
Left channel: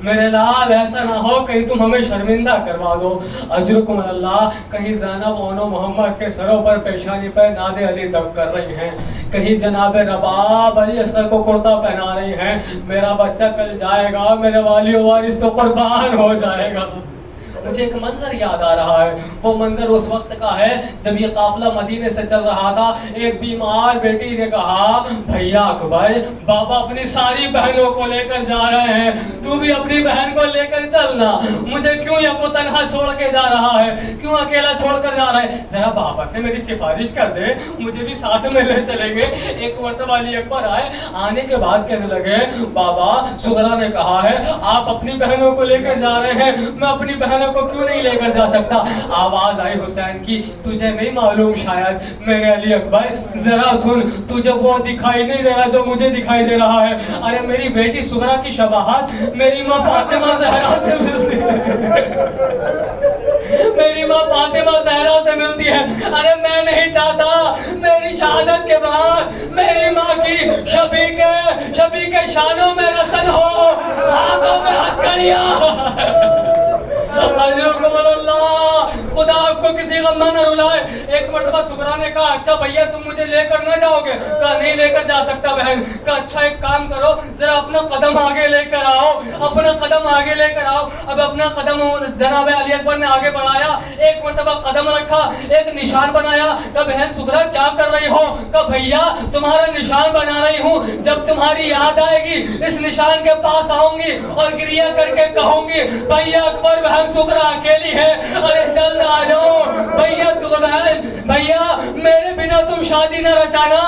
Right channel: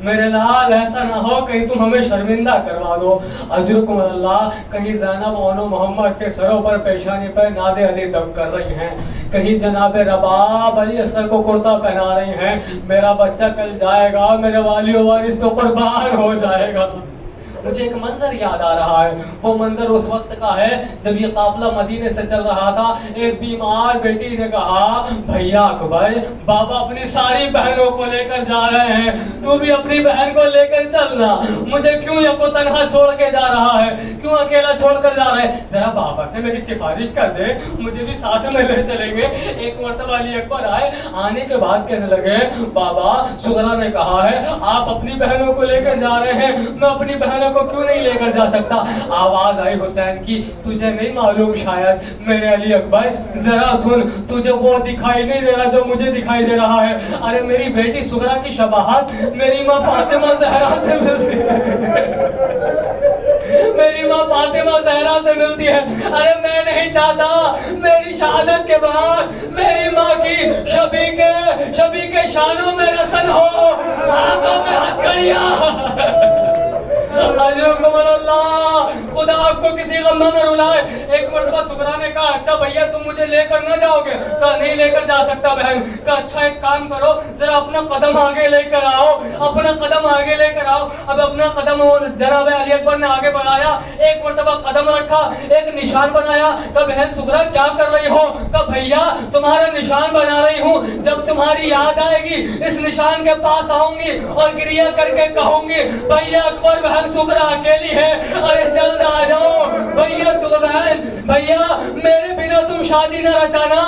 میرے لال ایسا نہ ہو کہیں تم ہمیں شرمندہ کروا دو۔ اجرکم اللہ، کہیں زینب اونو محمد کے سروں پر پیشانی پہ ناد علی دب کر رہی ہیں، کہیں جناب رباب علی اصغر کو کرتا پہنا رہی ہیں۔ میرا بچہ کل جائے گا، میرے والی و وارث تو قربان ہو جائے گا۔ مجھے ایک منظر یاد آ رہا ہے، وہ منظر اس وقت کا ہے جب یہ قافلہ مدینے سے چل رہا تھا۔ ایک بیمار بیٹی نے کہا، بھیا اکبر، بابا اپنی ساری بہنوں کو لے کر جا رہے ہیں، تو بھی اپنی بہن کو لے کر چلنا، مجھے کیوں یکو تنہا چھوڑ کے جا رہا ہے، کیوں اکیلا چھوڑ کر جا رہا ہے، ذرا بابا سے میری سفارش کر دے، مجھے بھی ساتھ میں لے چلیں گے۔ ایک مرتبہ علی اکبر آئے، آنے کے بعد کہنے لگے، بابا سغرا نے کہا ہے آپ اپنی بہنوں کو لے کر جا رہے ہیں، میں اپنی بہنوں کو کیوں نہیں لے کر جا سکتا؟ آواز آئی حسین کی، تجھے نہیں معلوم شاید میرے علی اکبر، ذرا سن، تجھے وہ دکھائی نہیں دے رہا جو مجھے دکھائی دے رہا ہے۔ ارے میری بیٹی سغرا کی شباہت میری ماں فاطمہ زہرا سے ملتی ہے، میری ماں فاطمہ زہرا سے ملتی ہے۔ ارے میں نہیں چاہتا میری شہادت کے بعد میری ماں کی شبی کے شانوں میں رسن ہو، آنکھوں پہ ہاتھ کریا۔ اجرکم اللہ، خدا آپ کو کسی غم میں نہ رلائے۔ ایک مرتبہ سغرا نے کہا، اچھا بھیا تم مجھے لے کر نہ جاؤ گے؟ کہا نہیں لے کر جا سکتا بہن۔ کہا اچھا ایک کام کرو، ذرا اپنا قدم آگے لے کر آؤ، اپنا قدم آگے لے کر آؤ۔ اب اپنا قدم جناب علی اکبر نے آگے بڑھایا، ایک مرتبہ قدم رکھا، ایک نشان بنایا۔ کہا بہن سغرا کیا کر رہی ہو؟ کہا بھیا تمہارا نشان بنا رہی ہوں، جب تمہاری یاد آئے گی اس نشان کے پاس آؤں گی اور گریہ کر کے کہوں گی، بھیا اکبر بہن سغرا اکیلی ہے، ارے جلد آ جاؤ بھیا بہن، بھیا میرے بنا تم شادی نہ رچانا۔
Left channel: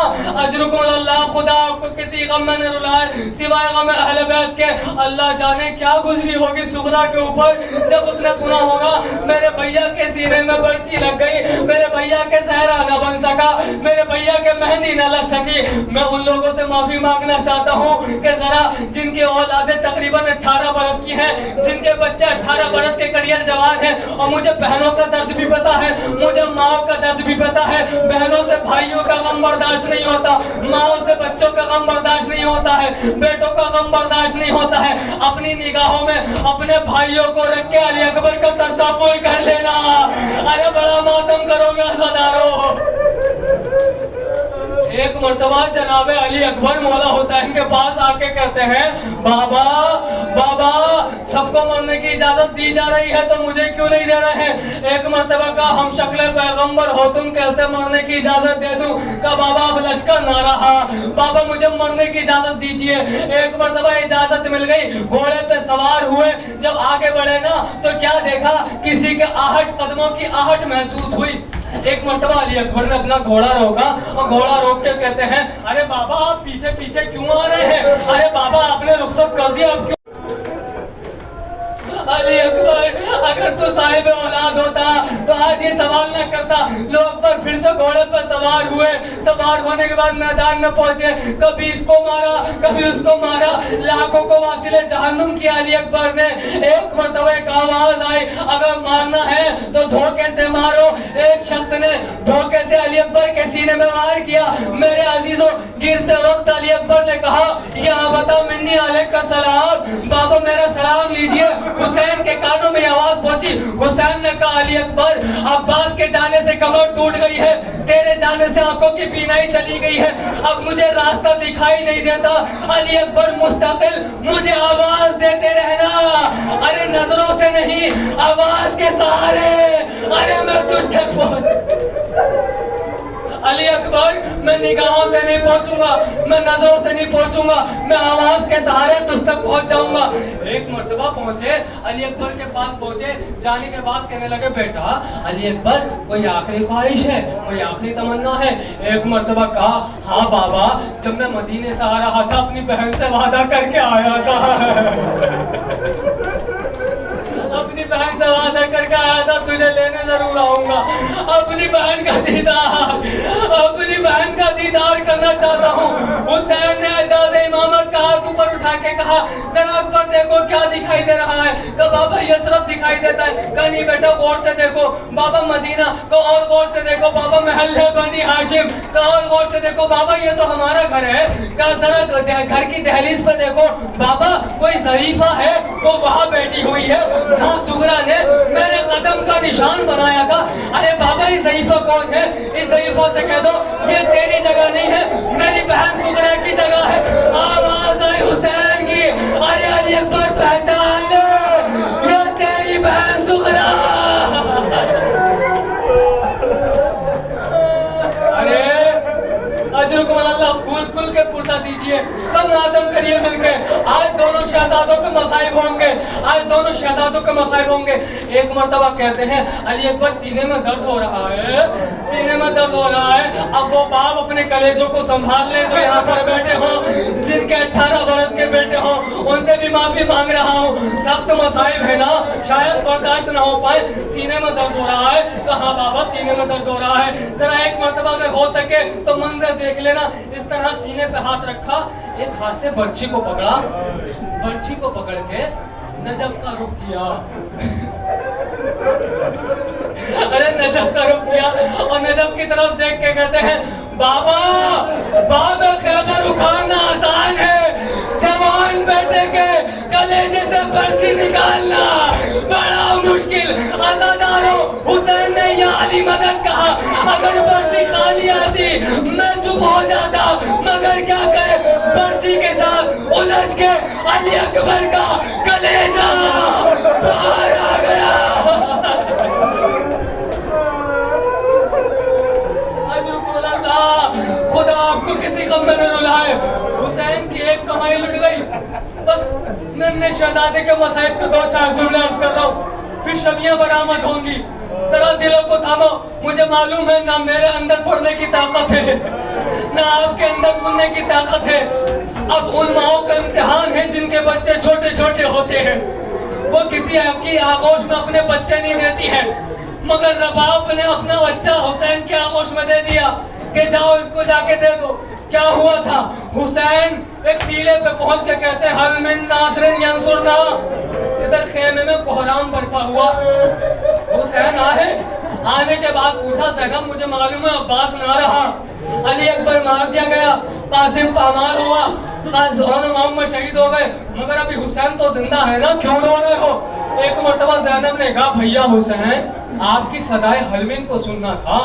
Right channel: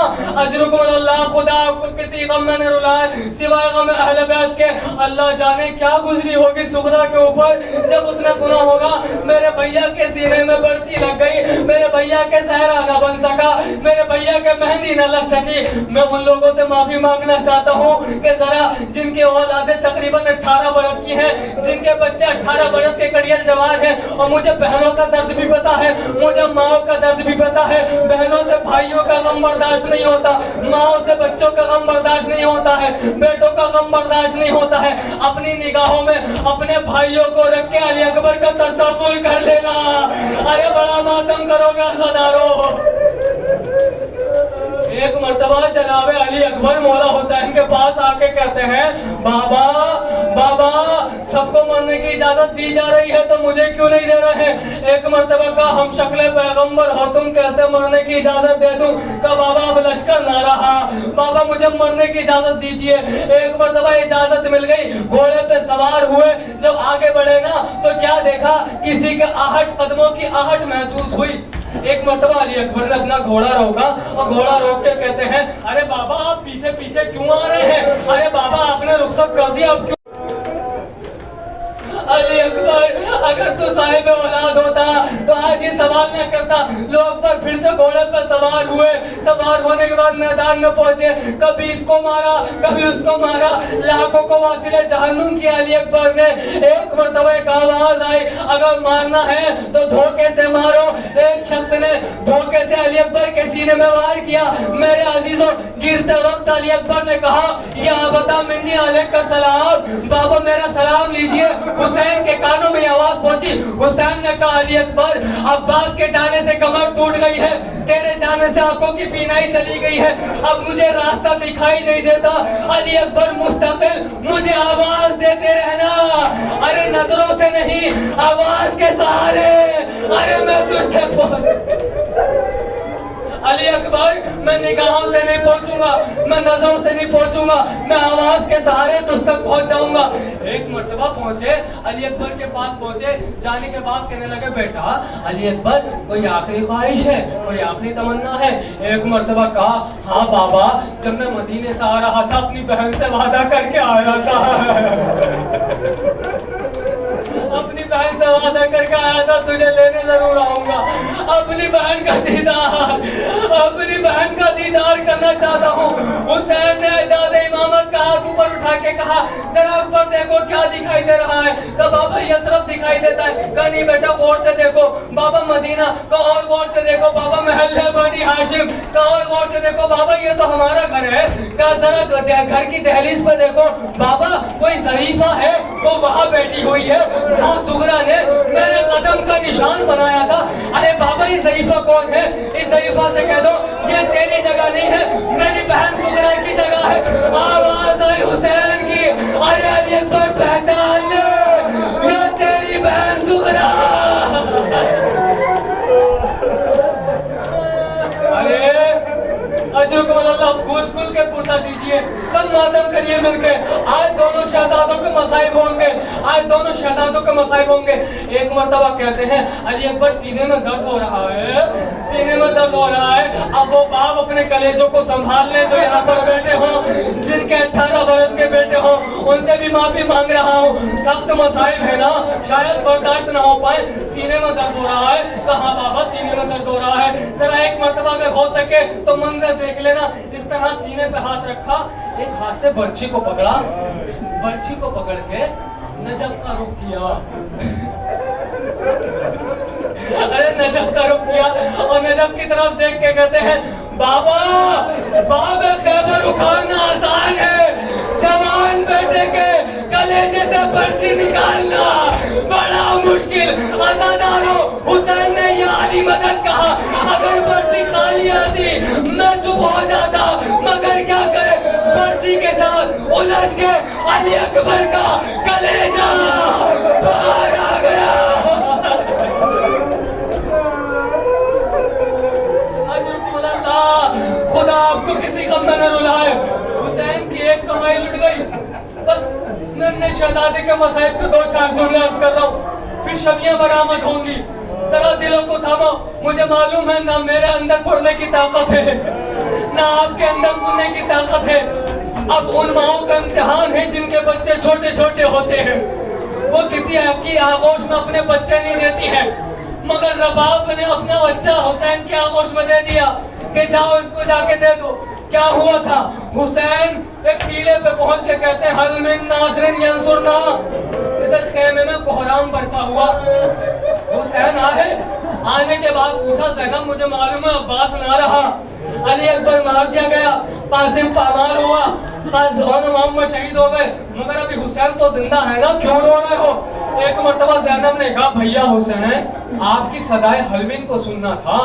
اجرکم اللہ، خدا آپ کو کسی غم میں نہ رلائے سوائے غم اہل بیت کے۔ اللہ جانے کیا گزری ہوگی سغرا کے اوپر جب اس نے سنا ہوگا میرے بھیا کے سینے میں برچی لگ گئی، میرے بھیا کے صحرا نہ بن سکا، میرے بھیا کے مہندی نہ لگ سکی۔ میں ان لوگوں سے معافی مانگنا چاہتا ہوں کہ ذرا جن کی اولادیں تقریباً 18 برس کی ہیں، جن کے بچے 18 برس کے قریب جوان ہیں، اور مجھے بہنوں کا درد بھی پتا ہے، مجھے ماؤں کا درد بھی پتا ہے، بہنوں سے بھائیوں کا غم برداشت نہیں ہوتا، ماؤں سے بچوں کا غم برداشت نہیں ہوتا ہے، بیٹوں کا غم برداشت نہیں ہوتا ہے۔ اپنی نگاہوں میں اپنے بھائیوں کو رکھ کے علی اکبر کا تصور کر لینا، ارے بڑا ماتم کرو گے عزادارو۔ ایک مرتبہ جناب علی اکبر مولا حسین کے پاس آ کے کہتے ہیں، بابا سب کو مرنے کی اجازت دی جا رہی ہے تو مجھے کیوں نہیں دے رہے ہیں؟ ایک مرتبہ کہا ہم شکل پیغمبر ہو تم کیسے مرنے کی اجازت دے دوں؟ کہا بابا اب لشکر نہ رہا، بابا مجھے مرنے کی اجازت دیجئے۔ ایک مرتبہ اجازت مل گئی، گھوڑے پہ سوار ہوئے، جب آگے بڑھے نا تو کیا دیکھا، کسی کے قدموں کی آہٹ محسوس ہوئی۔ ایک مرتبہ علی اکبر نے اپنا گھوڑا روکا اور گھوڑا روک کے کہتے ہیں، ارے بابا آپ پیچھے پیچھے کیوں آ رہے ہیں؟ ارے بابا آپ نے رخصت کر دیا، اب کیوں؟ علی اکبر اگر تو صاحب اولاد ہوتا تو آج یہ سوال نہ کرتا. لوگ پر پھر سے گھوڑے پر سوار ہوئے, سوار ہونے کے بعد میدان میں پہنچے, کبھی اس کو مارا کبھی اس کو مارا, لاکھوں کو واصل جہنم کیا علی اکبر نے. ایک مرتبہ ایک آواز آئی, اگر مارنا ہے تو دھوکے سے مارو. ایک شخص نے دھوکے سے علی اکبر کے سینے میں وار کیا. میرے عزیزوں, گرتے وقت علی اکبر نے کہا, یا بتا منی علیک کا سلام, بابا میرا سلام لیجئے. حسین کے کانوں میں یہ آواز پہنچی. حسین نے کہا, علی اکبر عباس کے جانے سے کمر ٹوٹ گئی ہے, تیرے جانے سے آنکھوں کی بینائی چلی گئی ہے, اب مجھے راستہ دکھائی نہیں دیتا. علی اکبر مستقل مجھے آواز دیتے رہنا, ارے نظروں سے نہیں آواز کے سہارے, ارے میں تجھ تک پہنچ. علی اکبر میں نگاہوں سے نہیں پہنچوں گا, میں نظروں سے نہیں پہنچوں گا, میں آواز کے سہارے تجھ تک پہنچ جاؤں گا. ایک مرتبہ پہنچے, علی اکبر کے پاس پہنچے, جانے کے بعد کہنے لگے, بیٹا علی اکبر کوئی آخری خواہش ہے, کوئی آخری تمنا ہے؟ ایک مرتبہ کہا, ہاں بابا, جب میں مدینے سے آ رہا تھا اپنی بہن سے وعدہ کر کے آیا تھا, اپنی بہن سے وعدہ کر کے آیا تھا تجھے لینے ضرور آؤں گا. اپنی بہن کا دیدار کرنا چاہتا ہوں. حسین نے اعجاز امامت کا ہاتھ اوپر اٹھا کے کہا, ذرا اکبر دیکھو کیا دکھائی دے رہا ہے. کہا بابا یثرب دکھائی دیتا ہے. کہا نہیں بیٹا غور سے دیکھو. بابا مدینہ. کہا اور غور سے دیکھو. بابا محل ہے بنی ہاشم. کہا اور غور سے دیکھو. بابا یہ تو ہمارا گھر ہے. کہا ذرا گھر کی دہلیز پہ دیکھو. بابا کوئی ظریفہ ہے, وہ وہاں بیٹھی ہوئی ہے جو سغرا نے میرے قدم کا نشان بنایا تھا. ارے بابا یہ ظریفہ کون ہے؟ اس ظریفہ سے کہہ دو یہ تیری جگہ نہیں ہے, میری بہن سغرا کی جگہ ہے. آواز آئی حسین کی, ارے علی اکبر پہچان لے, یہ تیری بہن سغرا. ارے اجرکم اللہ, کھل کے پرسا دیجئے, سب ماتم کریے مل کے. آج دونوں شہزادوں کے مصائب ہوں گے, آج دونوں شہزادوں کے مصائب ہوں گے. ایک مرتبہ کہتے ہیں علی اکبر سینے میں درد ہو رہا ہے, سینے میں درد ہو رہا ہے. اب وہ باپ اپنے کلیجوں کو سنبھال لیں جو یہاں پر بیٹھے ہوں, جن کے 18 برس کے بیٹے ہوں, ان سے بھی معافی مانگ رہا ہوں. سخت مصائب ہے نا, شاید برداشت نہ ہو پائے. سینے میں درد ہو رہا ہے. کہاں بابا سینے میں درد ہو رہا ہے. ذرا ایک مرتبہ اگر ہو سکے تو منظر دیکھ لینا. اس طرح سینے پہ ہاتھ رکھا, ایک ہاتھ سے برچھی کو پکڑا, برچھی کو پکڑ کے نجف کا رخ کیا. ارے نجف کا رخ کیا اور نجف کی طرف دیکھ کے کہتے ہیں, بابا باب خیبر اکھاڑنا آسان ہے, جوان بیٹے کے کلیجے سے برچھی نکالنا بڑا مشکل. عزادارو, حسین نے یا علی مدد کہا, اگر برچھی خالی آتی میں چپ ہو جاتا, مگر کیا کرے, برچھی کے ساتھ الجھ کے علی اکبر کا کلیجہ باہر آ گیا. خدا آپ کو کسی غم میں نہ رلائے. حسین کی ایک کمائی لٹ گئی. بس ننھے شہزادے کے مصائب کے 2-4 جملے عرض کر رہا ہوں, پھر شبیاں برآمد ہوں گی. ذرا دلوں کو تھامو. مجھے معلوم ہے نہ میرے اندر پڑھنے کی طاقت ہے, نہ آپ کے اندر سننے کی طاقت ہے. اب ان ماؤں کا امتحان ہے جن کے بچے چھوٹے چھوٹے ہوتے ہیں, وہ کسی کی آغوش میں اپنے بچے نہیں دیتی ہے, مگر رباب نے اپنا بچہ حسین کی آغوش میں دے دیا کہ جاؤ اس کو جا کے دے دو. کیا ہوا تھا؟ حسین ایک ٹیلے پہ پہنچ کے کہتے ہیں, حل من ناصر ینصرنا. ادھر خیمے میں کوہرام برپا ہوا. حسین آئے, آنے کے بعد پوچھا, زینب مجھے معلوم ہے عباس نہ رہا, علی اکبر مار دیا گیا, قاسم پامال ہوا, دونوں محمد شہید ہو گئے, مگر ابھی حسین تو زندہ ہے نا, کیوں رو رہے ہو؟ ایک مرتبہ زینب نے کہا, بھیا حسین آپ کی صدائے حلمین کو سننا تھا,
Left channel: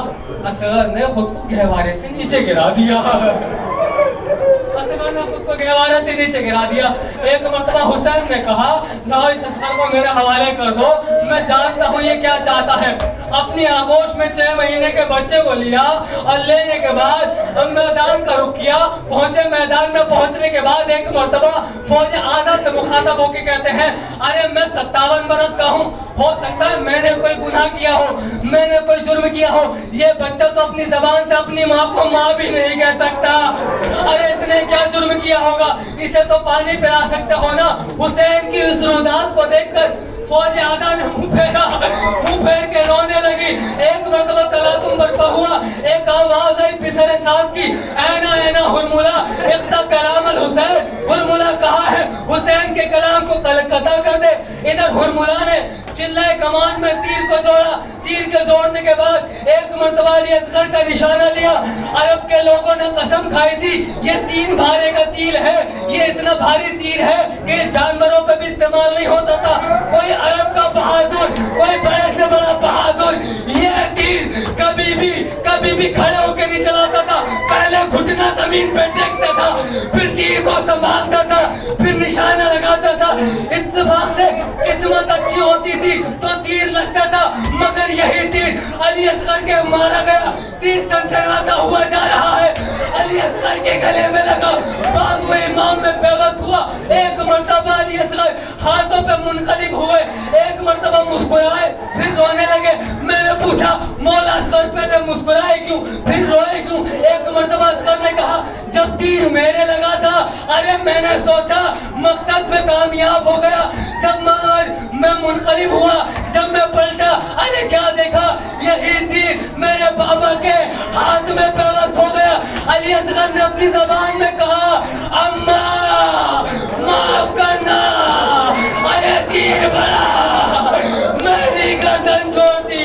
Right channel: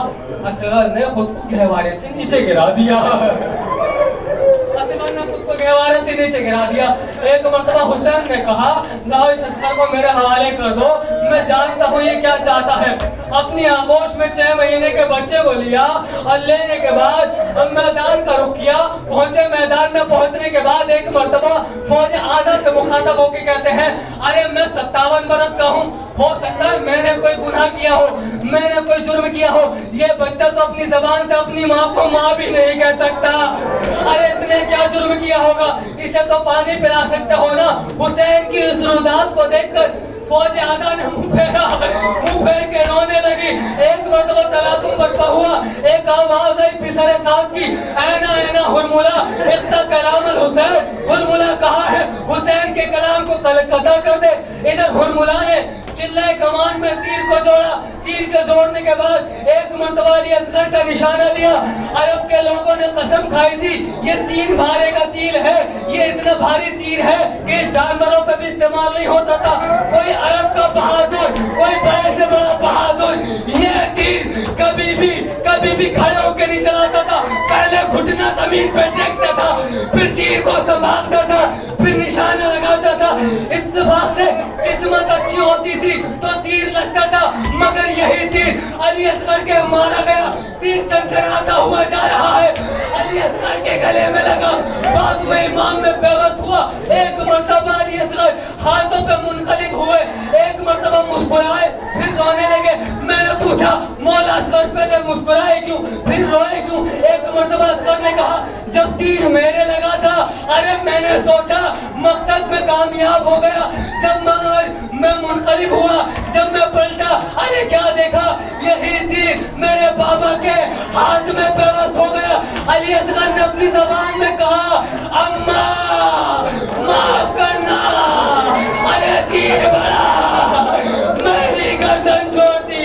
اصغر نے خود کو گہوارے سے نیچے گرا دیا. اصغر نے خود کو گہوارے سے نیچے گرا دیا. ایک مرتبہ حسین نے کہا, لاؤ اس اصغر کو میرے حوالے کر دو, میں جانتا ہوں یہ کیا چاہتا ہے. اپنی آغوش میں 6 مہینے کے بچے کو لیا اور لینے کے بعد میدان کا رخ کیا. پہنچے, میدان میں پہنچنے کے بعد ایک مرتبہ فوج آدھا سے مخاطب ہو کے کہتے ہیں, ارے میں 57 برس کا ہوں, ہو سکتا ہے میں نے کوئی گناہ کیا ہو, میں نے کوئی جرم کیا ہو. یہ بچہ تو اپنی زبان سے اپنی ماں کو ماں بھی نہیں کہہ سکتا. ارے اس نے کیا جرم کیا ہوگا, اسے تو پانی پلا سکتے ہو نا. حسین کی اس رودات کو دیکھ کر فوج آدھا نے منہ پھیر کے رونے لگی. ایک مرتبہ تلاطم برپا ہوا, ایک آواز آئی پسر ساتھ کی, اینا اینا ہرملا اقتا کلام الحسین. ہرملا کہا ہے حسین کے کلام کو قطع کر دے. ادھر ہرملا نے چلائے کمان میں تیر کو جوڑا. تیر کے جوڑنے کے بعد ایک مرتبہ علی اصغر کا نشانہ لیا. عرب کے لوگوں نے قسم کھائی تھی یہ 3 بھارے کا تیر ہے, یہ اتنا بھاری تیر ہے کہ جانوروں پہ بھی استعمال نہیں ہوتا تھا. کوئی عرب کا بہادر, کوئی بڑے سے بڑا بہادر یہ تیر کبھی بھی کھڑے ہو کے نہیں چلاتا تھا. پہلے گھٹنا زمین پہ ٹیکتا تھا, پھر تیر کو سنبھالتا تھا, پھر نشانہ لگاتا تھا. اتفاق سے قسمت اچھی ہوتی تھی تو تیر لگتا تھا, مگر یہی تیر علی اصغر کے مارا گیا. تیر سنسراتا ہوا جا رہا ہے, علی اصغر کے گلے میں لگا, بازو امام میں پیوست ہوا. ایک مرتبہ علی اصغر ہاتھوں پہ منقلب ہوئے, ایک مرتبہ مسکرائے, پھر رونے لگے. میں نے پوچھا مولا اصغر پہلے مسکرائے کیوں, پھر روئے کیوں؟ ایک مرتبہ اصغر نے کہا جب تیر میرے لگا تھا, ارے میں نے سوچا مقصد میں کامیاب ہو گیا. جب میں منقلب ہوا, جب میں پلٹا, ارے کیا دیکھا, یہی تیر میرے بابا کے ہاتھ میں پیوست ہو گیا. علی اصغر نے اپنی زبان میں کہا اماں معاف کرنا, ارے تیر بڑا, میری گردن چھوڑتی.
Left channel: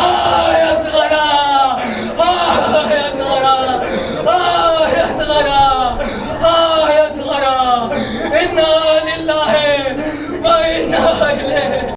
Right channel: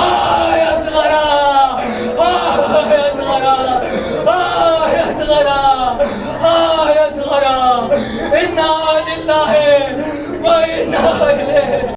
آئے اصغرا, آئے اصغرا, آئے اصغرا, آئے اصغرا, انا للہ و انا